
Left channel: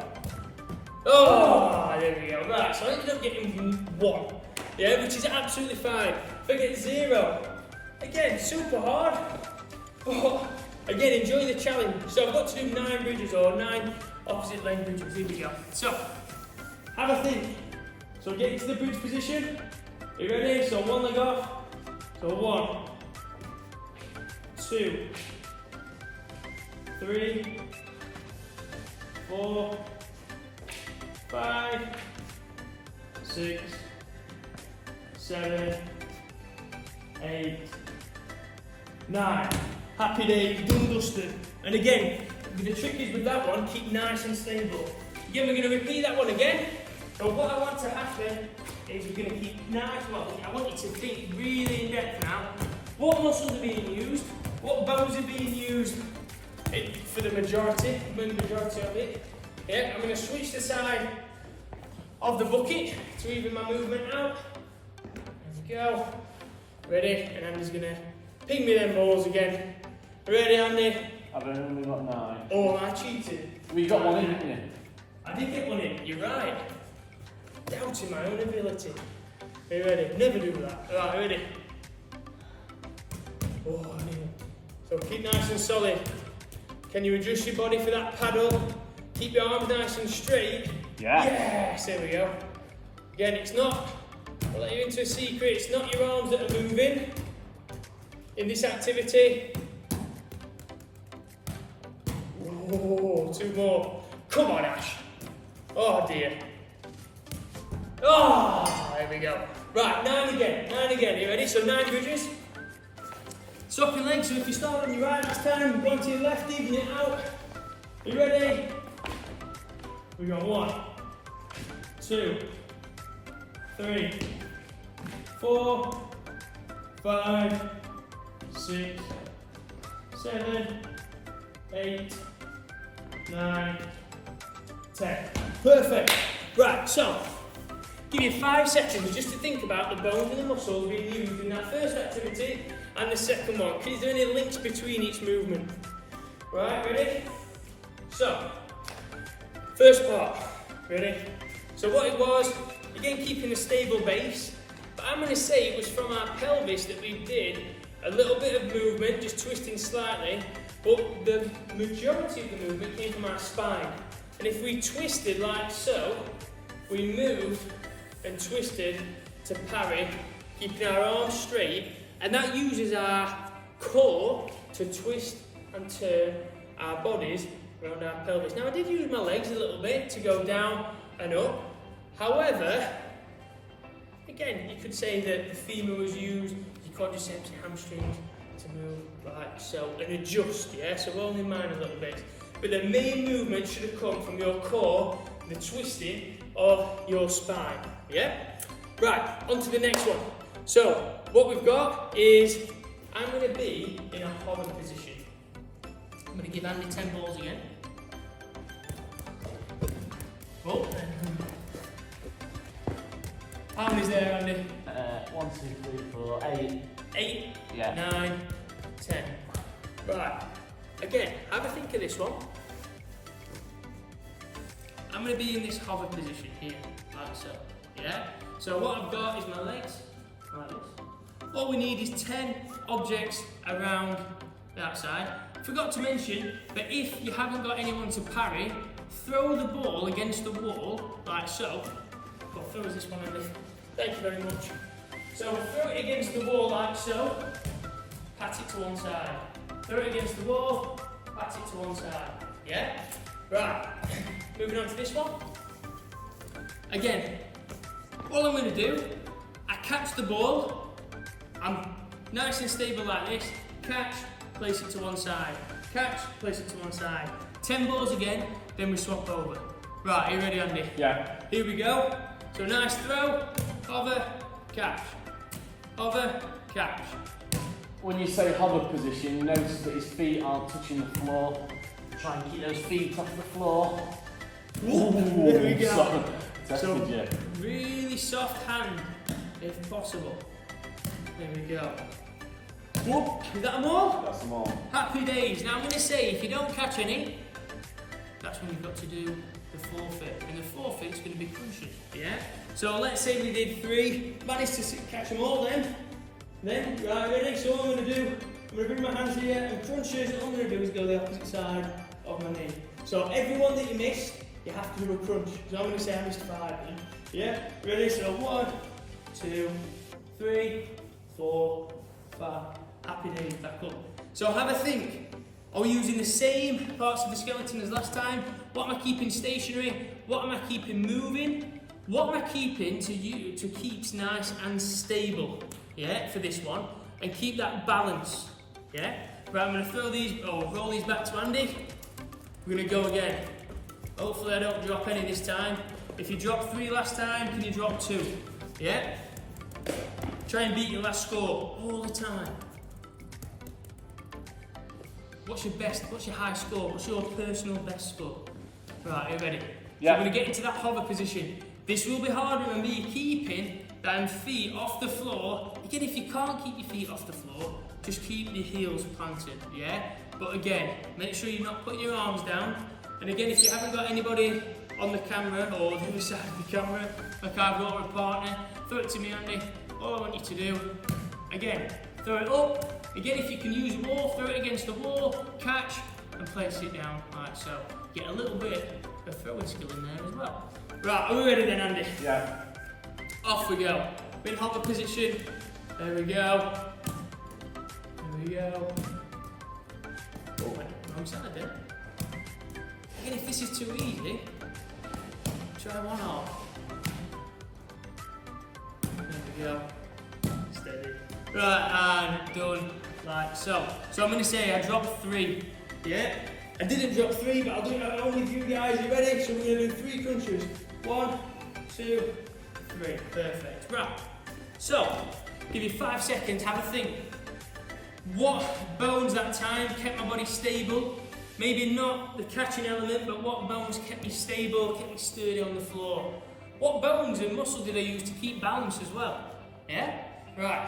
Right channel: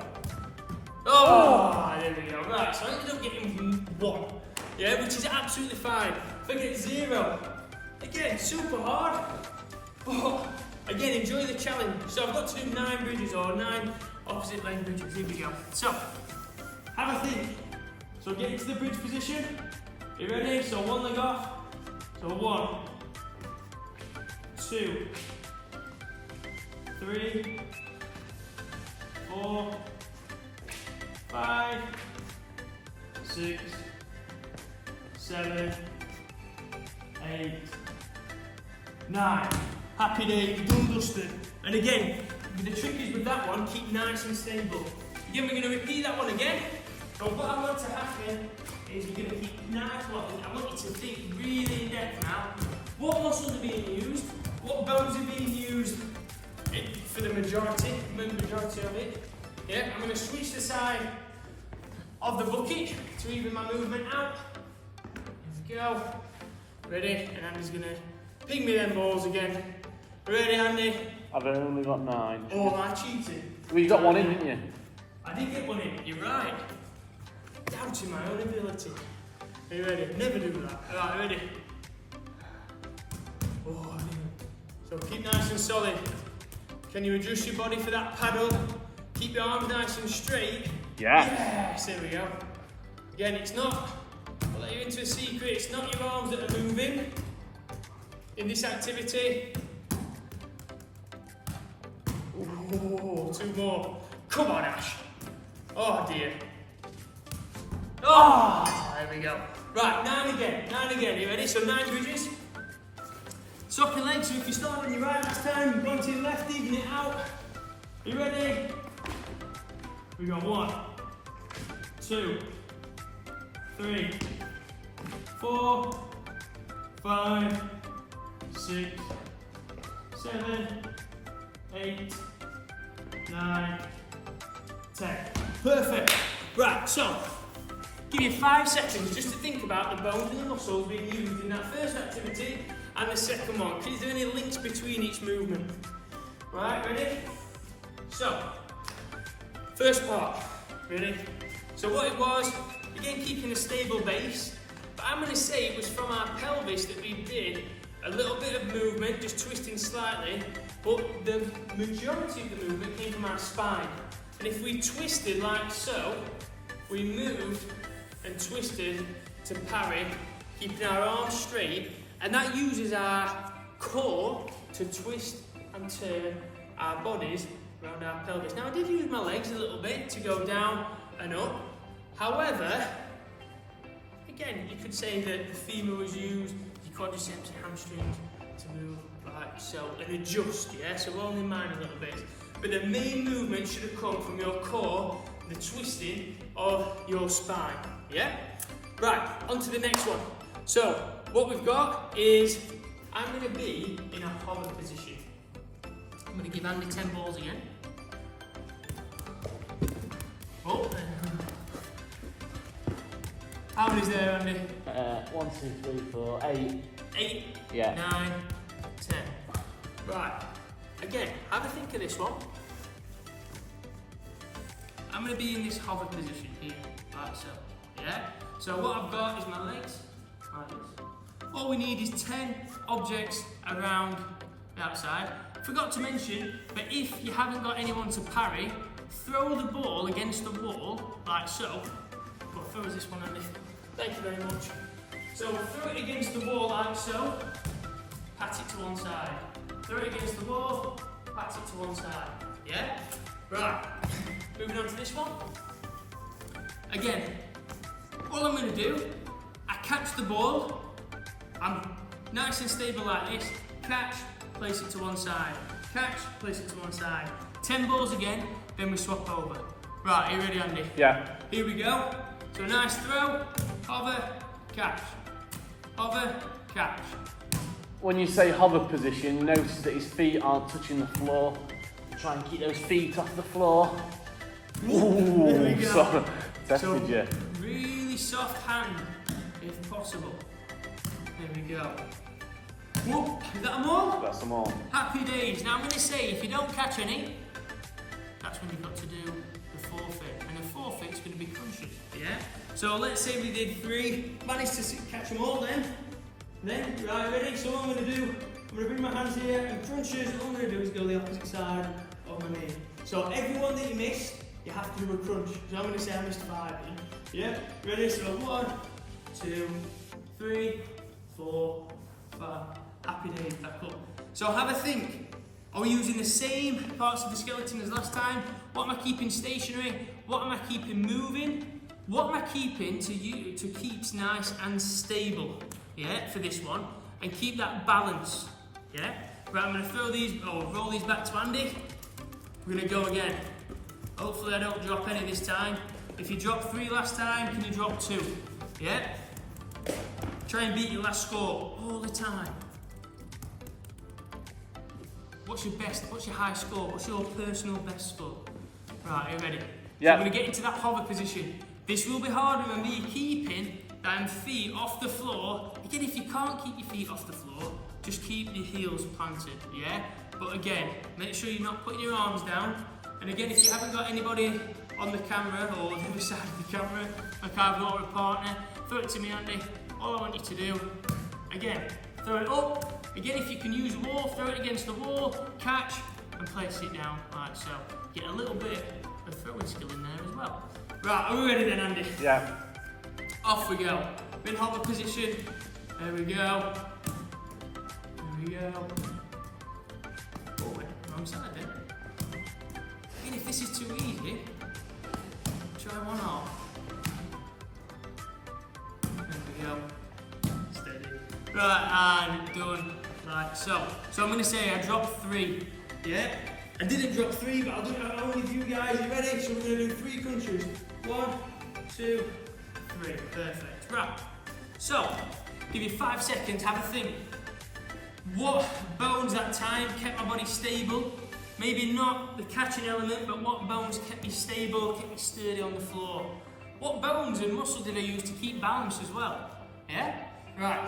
Oh, there we go. Right, so I ended up getting 1. Yeah, which is absolutely fine. If I get 0, again, super hard. But again, enjoy the challenge. So I've got to do 9 bridges or 9 opposite leg bridges. Here we go. So, have a think. So get into the bridge position. Are you ready? So 1 leg off. So 1, 2, 3, 4, 5, 6, 7, 8, 9. Happy days, done dusted. And again, the trick is with that one, keep nice and stable. Again, we're going to repeat that one again. But what I want to happen is we're going to keep nice. Well, I want you to think really in depth now. What muscles are being used? What bones are being used for the majority of it? Yeah, I'm going to switch the side of the bucket to even my movement out. There we go. Ready? And Andy's going to ping me them balls again. Ready, Andy? I've only got 9. Oh, am I cheating? Well, you got one in, didn't you? I did get one in, you're right. Doubting my own ability. Are you ready? Never do that. Alright, ready? Oh, so keep nice and solid. Can you adjust your body for that paddle? Keep your arms nice and straight. Yeah. Yes, there we go. Again, it's not, I'll let you into a secret, it's not your arms that are moving in this activity. Oh, 2 more. Come on, Ash. Oh dear. Oh, there we go. Right, 9 again. You ready? So 9 bridges. Stop your legs, so if you start on your right last time, go on to your left, even it out. You ready? We got 1, 2, 3, 4, 5, 6, 7, 8, 9, 10. Perfect. Right, so give you 5 seconds just to think about the bones and the muscles being used in that first activity and the second one. Is there any links between each movement? Right, ready? So, first part. Ready? So what it was, again keeping a stable base, but I'm going to say it was from our pelvis that we did a little bit of movement, just twisting slightly, but the majority of the movement came from our spine. And if we twisted like so, we moved and twisted to parry, keeping our arms straight, and that uses our core to twist and turn our bodies around our pelvis. Now I did use my legs a little bit to go down and up. However, again, you could say that the femur was used, your quadriceps, your hamstrings, to move like so and adjust, yeah? So only mine a little bit. But the main movement should have come from your core, the twisting of your spine, yeah? Right, on to the next one. So, what we've got is, I'm going to be in a hover position. I'm going to give Andy 10 balls again. Oh, how many's there, Andy? 1, 2, 3, 4, 8. 8, Yeah. 9, 10. Right, again, have a think of this one. I'm going to be in this hover position here, like so, yeah? So what I've got is my legs, like this. All we need is 10 objects around that side. Forgot to mention, but if you haven't got anyone to parry, throw the ball against the wall, like so. Go, throw us this one, Andy. Thank you very much. So throw it against the wall like so, pat it to one side. Throw it against the wall, pat it to one side. Yeah? Right. Moving on to this one. Again, all I'm going to do, I catch the ball, I'm nice and stable like this, catch, place it to one side, catch, place it to one side. 10 balls again, then we swap over. Right, are you ready, Andy? Yeah. Here we go. So a nice throw, hover, catch, hover, catch. When you say hover position, you notice that his feet aren't touching the floor. Try and keep those feet off the floor. Ooh, there we go. So, tested so you. really soft hand, if possible. There we go. Whoop, is that them all? That's them all. Happy days. Now I'm going to say, if you don't catch any, that's when you've got to do the forfeit. And the forfeit's going to be crunches, yeah? So let's say we did 3, managed to catch them all then. Then, right, ready? So what I'm going to do, I'm going to bring my hands here and crunches. All I'm going to do is go the opposite side of my knee. So everyone that you missed, you have to do a crunch. So I'm going to say I missed 5 then. Yeah? Ready? So 1, 2, 3, 4, 5. Happy days, back up. So have a think. Are we using the same parts of the skeleton as last time? What am I keeping stationary? What am I keeping moving? what am I keeping to keep nice and stable, yeah, for this one, and keep that balance, yeah? Right, I'm going to roll these back to Andy. We're going to go again. Hopefully I don't drop any this time. If you dropped 3 last time, can you drop 2? Yeah? Try and beat your last score all the time. What's your high score? What's your personal best score? Right, are you ready? Yeah. So we're going to get into that hover position. This will be harder, remember, you're keeping them feet off the floor. Again, if you can't keep your feet off the floor, just keep your heels planted, yeah? But again, make sure you're not putting your arms down. And again, if you haven't got anybody on the camera or the other side of the camera, like I've got a partner, throw it to me, Andy. All I want you to do, again, throw it up. Again, if you can use a wall, throw it against the wall, catch, and place it down like so. Get a little bit of throwing skill in there as well. Right, are we ready then, Andy? Yeah. Off we go. In hover position. There we go. There we go. Oh, went wrong side there. Again, if this is too easy, try one off. There we go. Steady. Right, and done. Like so. So I'm going to say I dropped 3. Yeah? I didn't drop 3, but I'll do it at home with you guys. You ready? So we're going to do 3 crunches. 1, 2, 3. Perfect. Right. So, give you 5 seconds, have a think. What bones that time kept my body stable? Maybe not the catching element, but what bones kept me stable, kept me sturdy on the floor? What bones and muscle did I use to keep balance as well? Yeah? Right.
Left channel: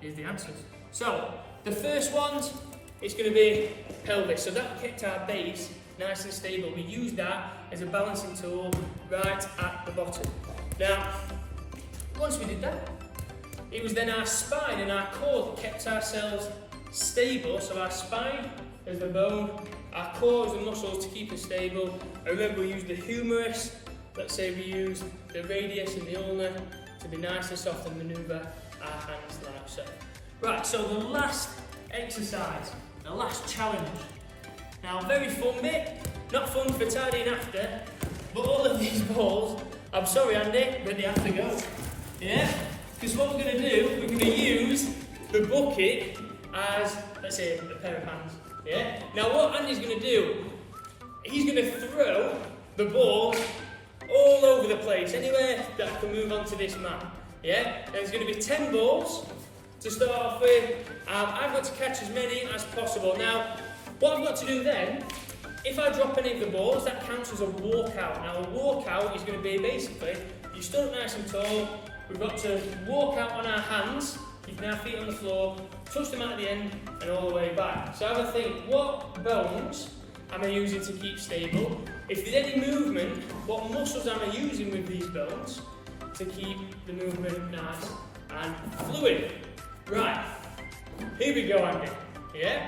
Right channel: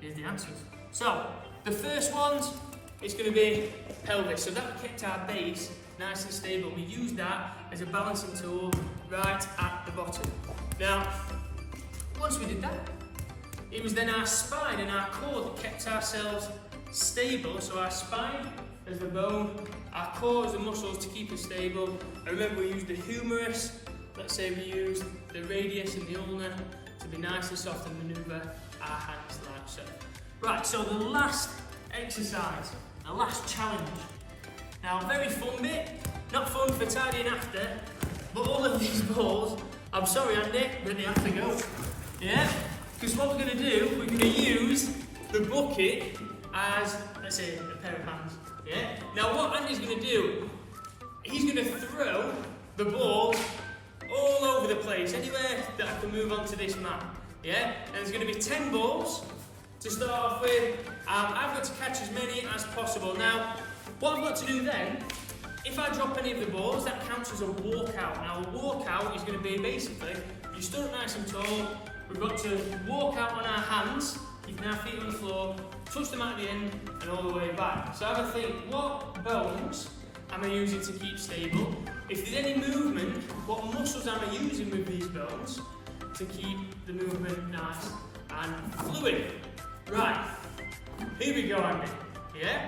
Here's the answers. So, the first ones, it's going to be pelvis. So that kept our base nice and stable. We used that as a balancing tool right at the bottom. Now, once we did that, it was then our spine and our core that kept ourselves stable. So our spine as the bone, our core as the muscles to keep us stable. I remember we used the humerus. Let's say we used the radius and the ulna to be nice and soft and manoeuvre our hands like so. Right, so the last exercise, the last challenge. Now, very fun bit, not fun for tidying after, but all of these balls, I'm sorry Andy, but they have to go. Yeah? Because what we're going to do, we're going to use the bucket as, let's say, a pair of hands. Yeah? Now what Andy's going to do, he's going to throw the ball all over the place, anywhere that I can move onto this mat. Yeah? And there's going to be 10 balls to start off with. I've got to catch as many as possible. Now, what I've got to do then, if I drop any of the balls, that counts as a walkout. Now, a walkout is going to be basically, you stood up nice and tall, we've got to walk out on our hands, keeping our feet on the floor, touch them at the end, and all the way back. So have a think, what bones am I using to keep stable? If there's any movement, what muscles am I using with these bones to keep the movement nice and fluid? Right, here we go, Andy. Yeah?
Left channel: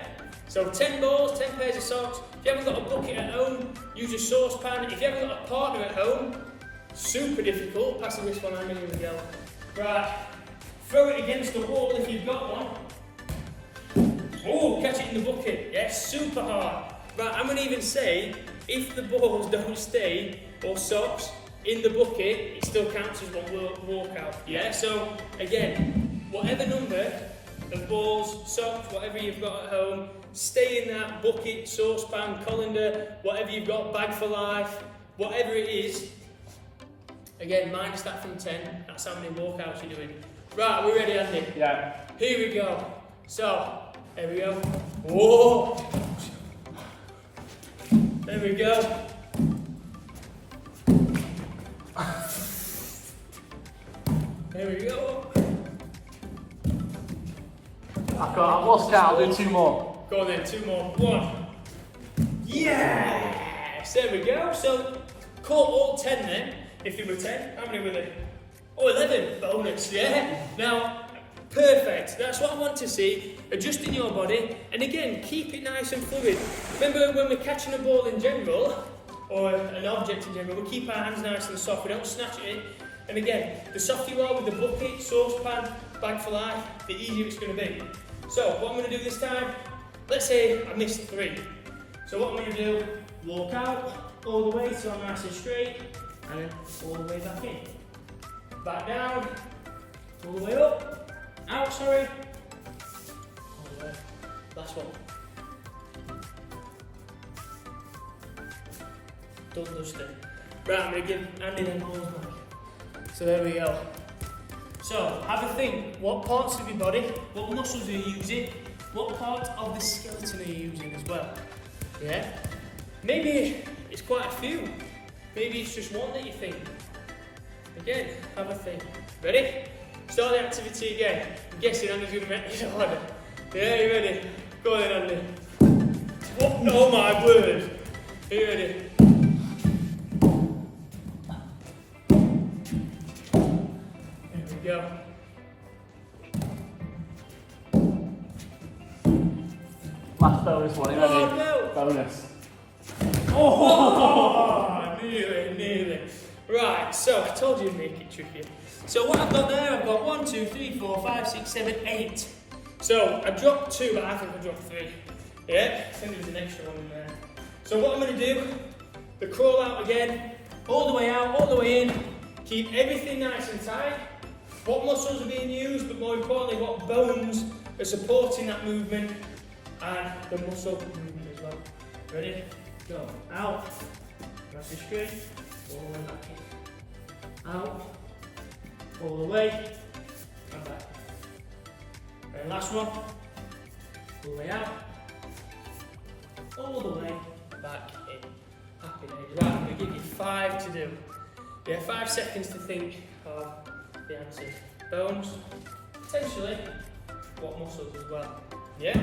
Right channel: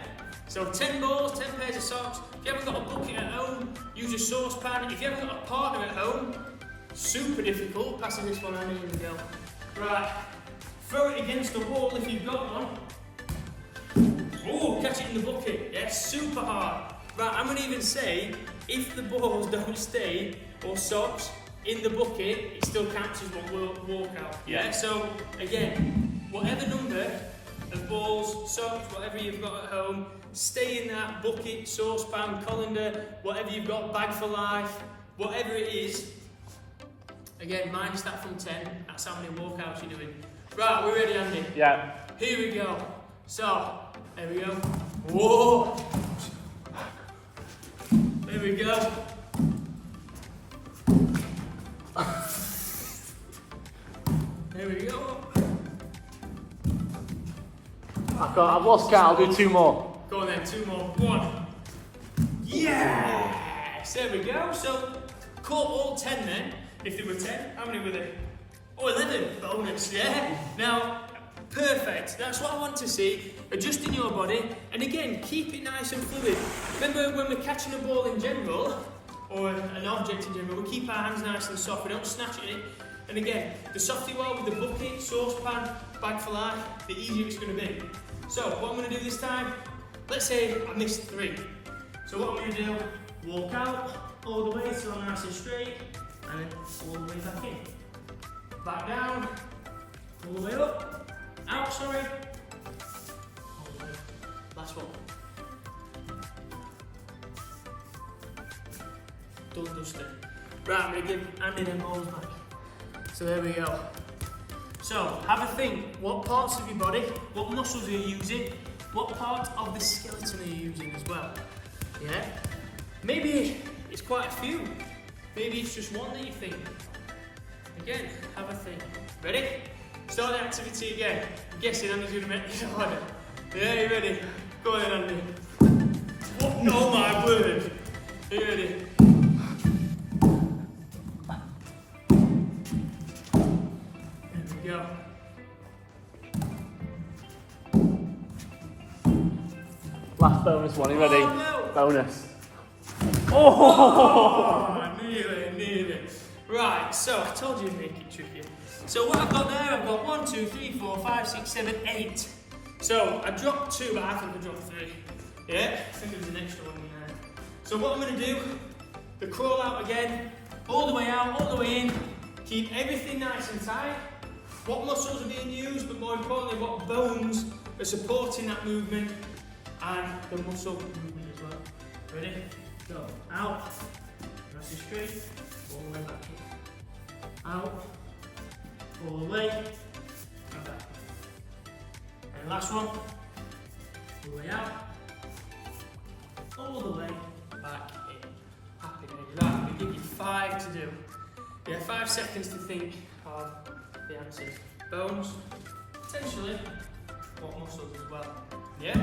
So 10 balls, 10 pairs of socks. If you haven't got a bucket at home, use a saucepan. If you haven't got a partner at home, super difficult. Passing this one, Andy, here we go. Right, throw it against the wall if you've got one. Oh, catch it in the bucket. Yes, super hard. Right, I'm going to even say, if the balls don't stay, or socks, in the bucket, it still counts as one walkout. Yeah, so again, whatever number of balls, socks, whatever you've got at home, stay in that bucket, saucepan, colander, whatever you've got, bag for life, whatever it is. Again, minus that from 10, that's how many walkouts you're doing. Right, we're ready, Andy? Yeah. Here we go. So, there we go. Whoa! There we go. There we go. I've lost count, I'll do 2 more. Go on then, 2 more. 1. Yes! There we go. So, caught all 10 then. If there were 10, how many were there? Oh, 11. Bonus, yeah? Now, perfect. That's what I want to see. Adjusting your body. And again, keep it nice and fluid. Remember when we're catching a ball in general, or an object in general, we keep our hands nice and soft. We don't snatch it. And again, the softer you are with the bucket, saucepan, bag for life, the easier it's going to be. So, what I'm going to do this time, let's say I missed 3. So what I'm going to do, walk out, all the way so I'm nice and straight, and then all the way back in. Back down, all the way up, out, sorry, all the way. Last one. Done dusted. Right, I'm going to give Andy them balls back. So there we go. So, have a think, what parts of your body, what muscles are you using, what part of the skeleton are you using as well? Yeah? Maybe it's quite a few. Maybe it's just one that you think. Again, have a think. Ready? Start the activity again. I'm guessing Andy's going to make this harder. Yeah, you ready? Go on then, Andy. What? Oh my word. Are you ready? Go. Last bonus one, you ready? No. Bonus. Oh, nearly. Right, so I told you to make it tricky. So what I've got there, I've got 1, 2, 3, 4, 5, 6, 7, 8. So I dropped 2, but I think I dropped 3. Yeah, I think there's an extra one in there. So what I'm going to do, the crawl out again, all the way out, all the way in. Keep everything nice and tight. What muscles are being used, but more importantly, what bones are supporting that movement and the muscle movement as well. Ready? Go. Out. Nice and straight. All the way back in. Out. All the way. And back in. Right, last one. All the way out. All the way back in. Happy days. Right, I'm going to give you 5 to do. Yeah, 5 seconds to think of the answers. Bones, potentially, what muscles as well. Yeah?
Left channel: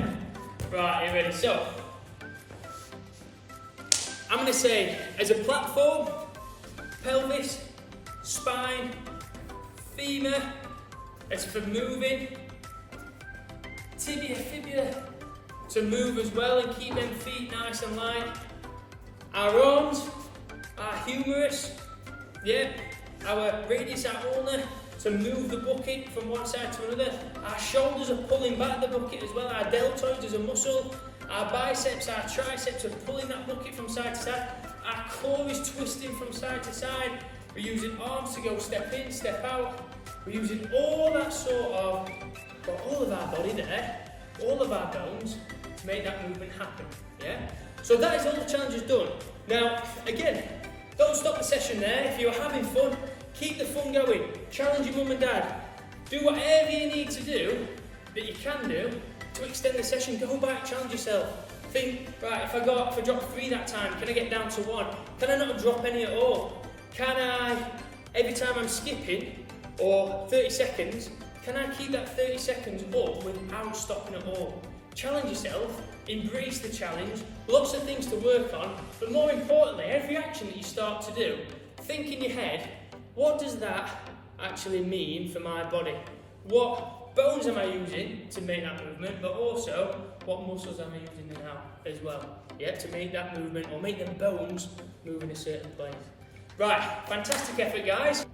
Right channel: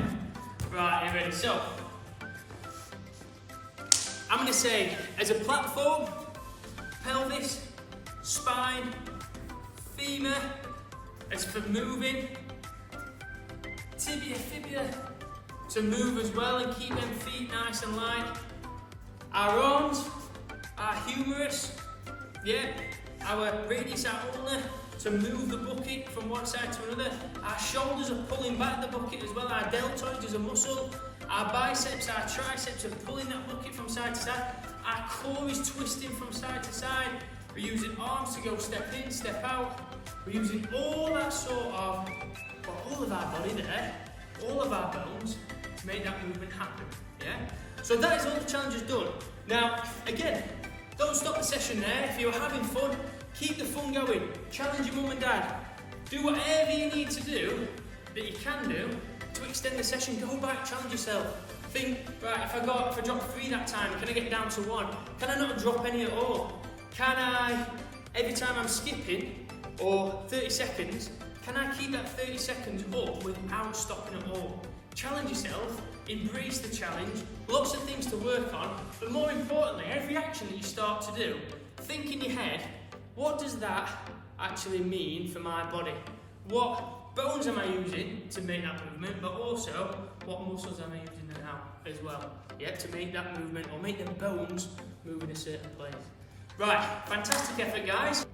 Right, you ready? So, I'm going to say, as a platform, pelvis, spine, femur, as for moving, tibia, fibula, to move as well and keep them feet nice and light. Our arms, our humerus, yeah, our radius, our ulna, to move the bucket from one side to another. Our shoulders are pulling back the bucket as well. Our deltoids as a muscle. Our biceps, our triceps are pulling that bucket from side to side. Our core is twisting from side to side. We're using arms to go step in, step out. We're using all that sort of, well, all of our body there, all of our bones to make that movement happen, yeah? So that is all the challenges done. Now, again, don't stop the session there. If you're having fun, keep the fun going. Challenge your mum and dad. Do whatever you need to do, that you can do, to extend the session. Go back, challenge yourself. Think, right, if I drop 3 that time, can I get down to 1? Can I not drop any at all? Can I, every time I'm skipping, or 30 seconds, can I keep that 30 seconds up without stopping at all? Challenge yourself, embrace the challenge, lots of things to work on, but more importantly, every action that you start to do, think in your head, what does that actually mean for my body? What bones am I using to make that movement, but also what muscles am I using now as well? Yeah, to make that movement or make them bones move in a certain place. Right, fantastic effort, guys.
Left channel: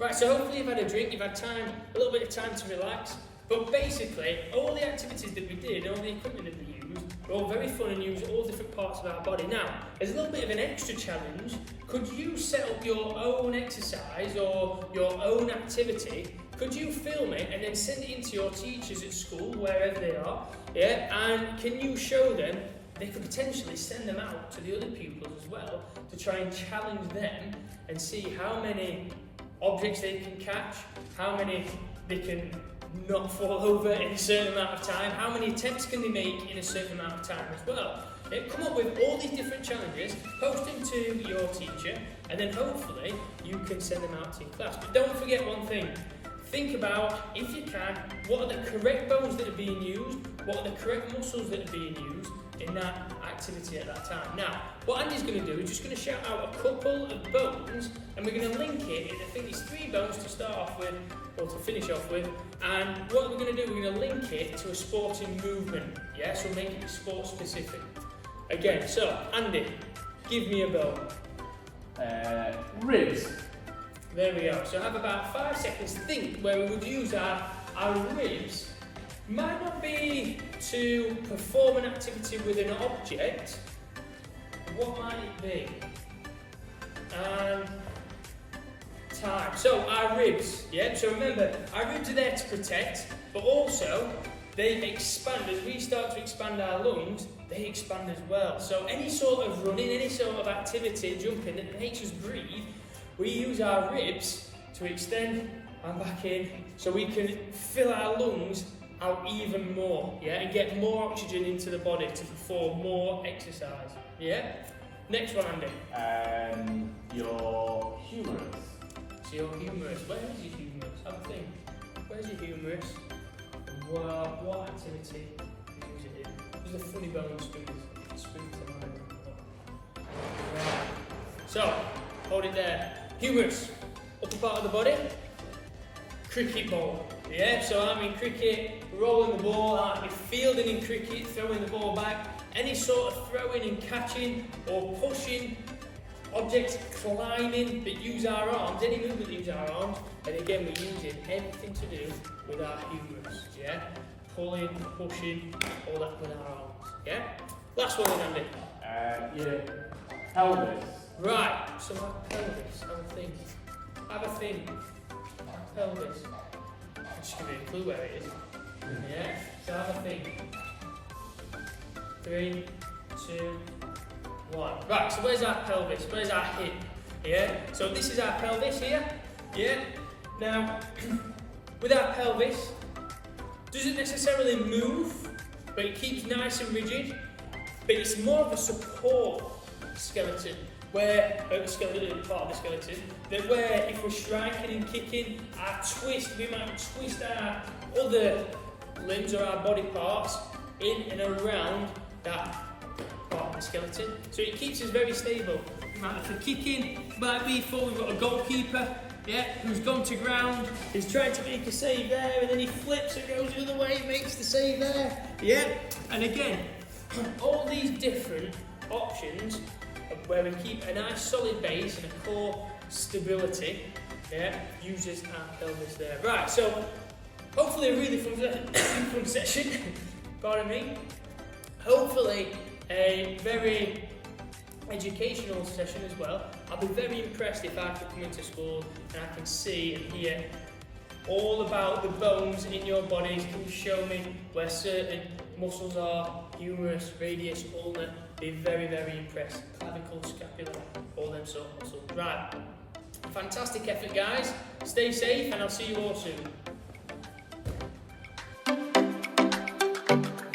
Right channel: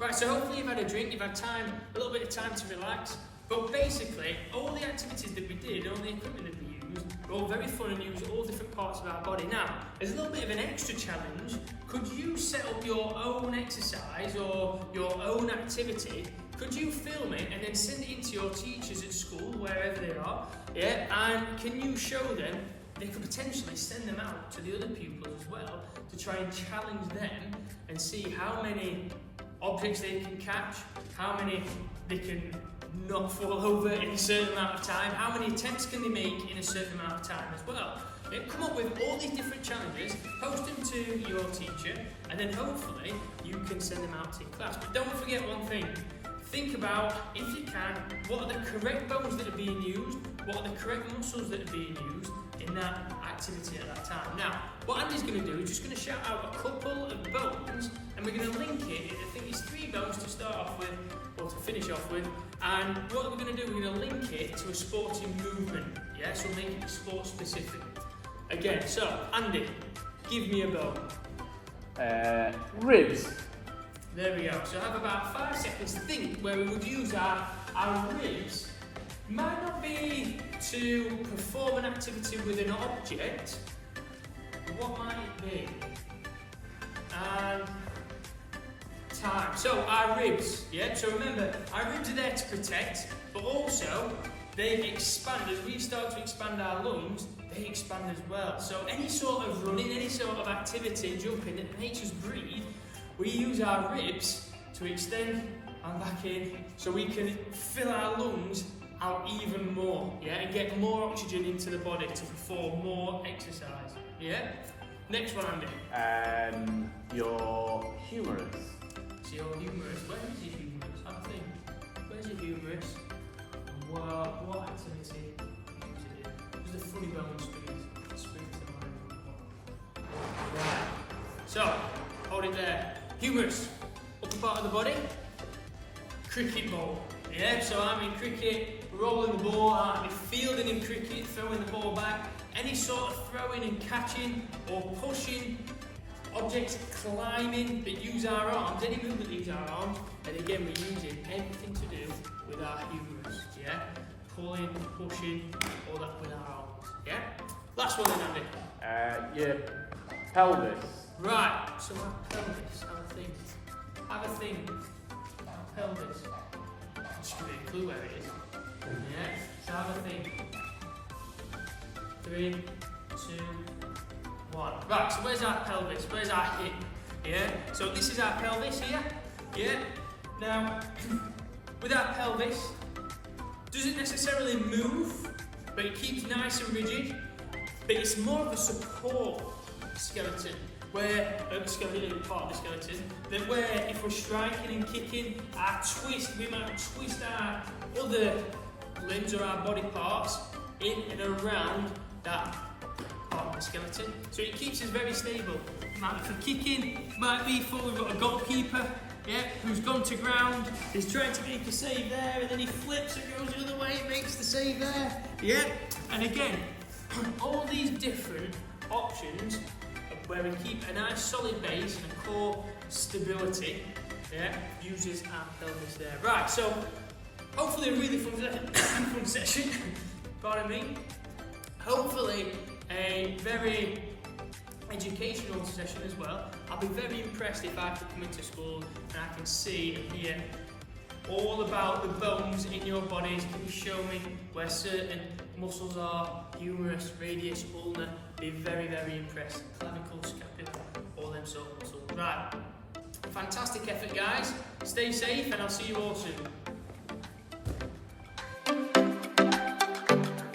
Right, so hopefully you've had a drink, you've had time, a little bit of time to relax. But basically, all the activities that we did, all the equipment that we used, were all very fun and use all different parts of our body. Now, as a little bit of an extra challenge, could you set up your own exercise or your own activity? Could you film it and then send it in to your teachers at school, wherever they are? Yeah, and can you show them? They could potentially send them out to the other pupils as well to try and challenge them and see how many objects they can catch, how many they can not fall over in a certain amount of time, how many attempts can they make in a certain amount of time as well. Come up with all these different challenges, post them to your teacher, and then hopefully you can send them out to your class. But don't forget one thing, think about, if you can, what are the correct bones that are being used, what are the correct muscles that are being used in that activity at that time. Now, what Andy's going to do is just going to shout out a couple of bones, and we're going to link it, and I think it's 3 bones to start off with, or to finish off with, and what we're going to do, we're going to link it to a sporting movement, yeah, so make it sport specific. Again, so, Andy, give me a bone. Ribs. There we go, so have about 5 seconds to think where we would use our ribs. Might not be to perform an activity with an object. what might it be? And time. So our ribs, yeah? So remember, our ribs are there to protect, but also they expand. As we start to expand our lungs, they expand as well. So any sort of running, any sort of activity, jumping that makes us breathe, we use our ribs to extend and back in, so we can fill our lungs out even more, yeah, and get more oxygen into the body to perform more exercise, yeah? Next one, Andy. Your humerus. So your humerus. Where is your humerus? Have a think. Where's your humerus? Well, what activity use it in? There's a funny bone spoon to mine. Right. So, hold it there. Humerus. Upper part of the body. Cricket ball. Yeah, so I'm in cricket, rolling the ball, I'm fielding in cricket, throwing the ball back. Any sort of throwing and catching or pushing, objects climbing that use our arms, any movement that use our arms, and again we're using everything to do with our humerus, yeah? Pulling, pushing, all that with our arms, yeah? Last one then, Andy. Your pelvis. Right, so our pelvis, have a think. Have a think. Our pelvis. Just give you a clue where it is. Yeah, so have a think. 3, 2, 1. Right, so where's our pelvis? Where's our hip? Yeah, so this is our pelvis here. Yeah, now with our pelvis, doesn't necessarily move, but it keeps nice and rigid. But it's more of a support skeleton, where skeleton, part of the skeleton, that where if we're striking and kicking, we might twist our other limbs or our body parts in and around that part of the skeleton. So it keeps us very stable. If we're kicking, might be for we've got a goalkeeper, yeah, who's gone to ground, who's trying to make a save there, and then he flips and goes the other way, makes the save there, yeah. And again, all these different options where we keep a nice solid base and a core stability, yeah, uses our pelvis there. Right, so hopefully a really fun session, pardon me. Hopefully a very educational session as well. I'll be very impressed if I can come into school and I can see and hear all about the bones in your bodies. Can you show me where certain muscles are, humerus, radius, ulnar? Be very, very impressed. Clavicle, scapula, all them sort of muscles. Right, fantastic effort guys. Stay safe and I'll see you all soon.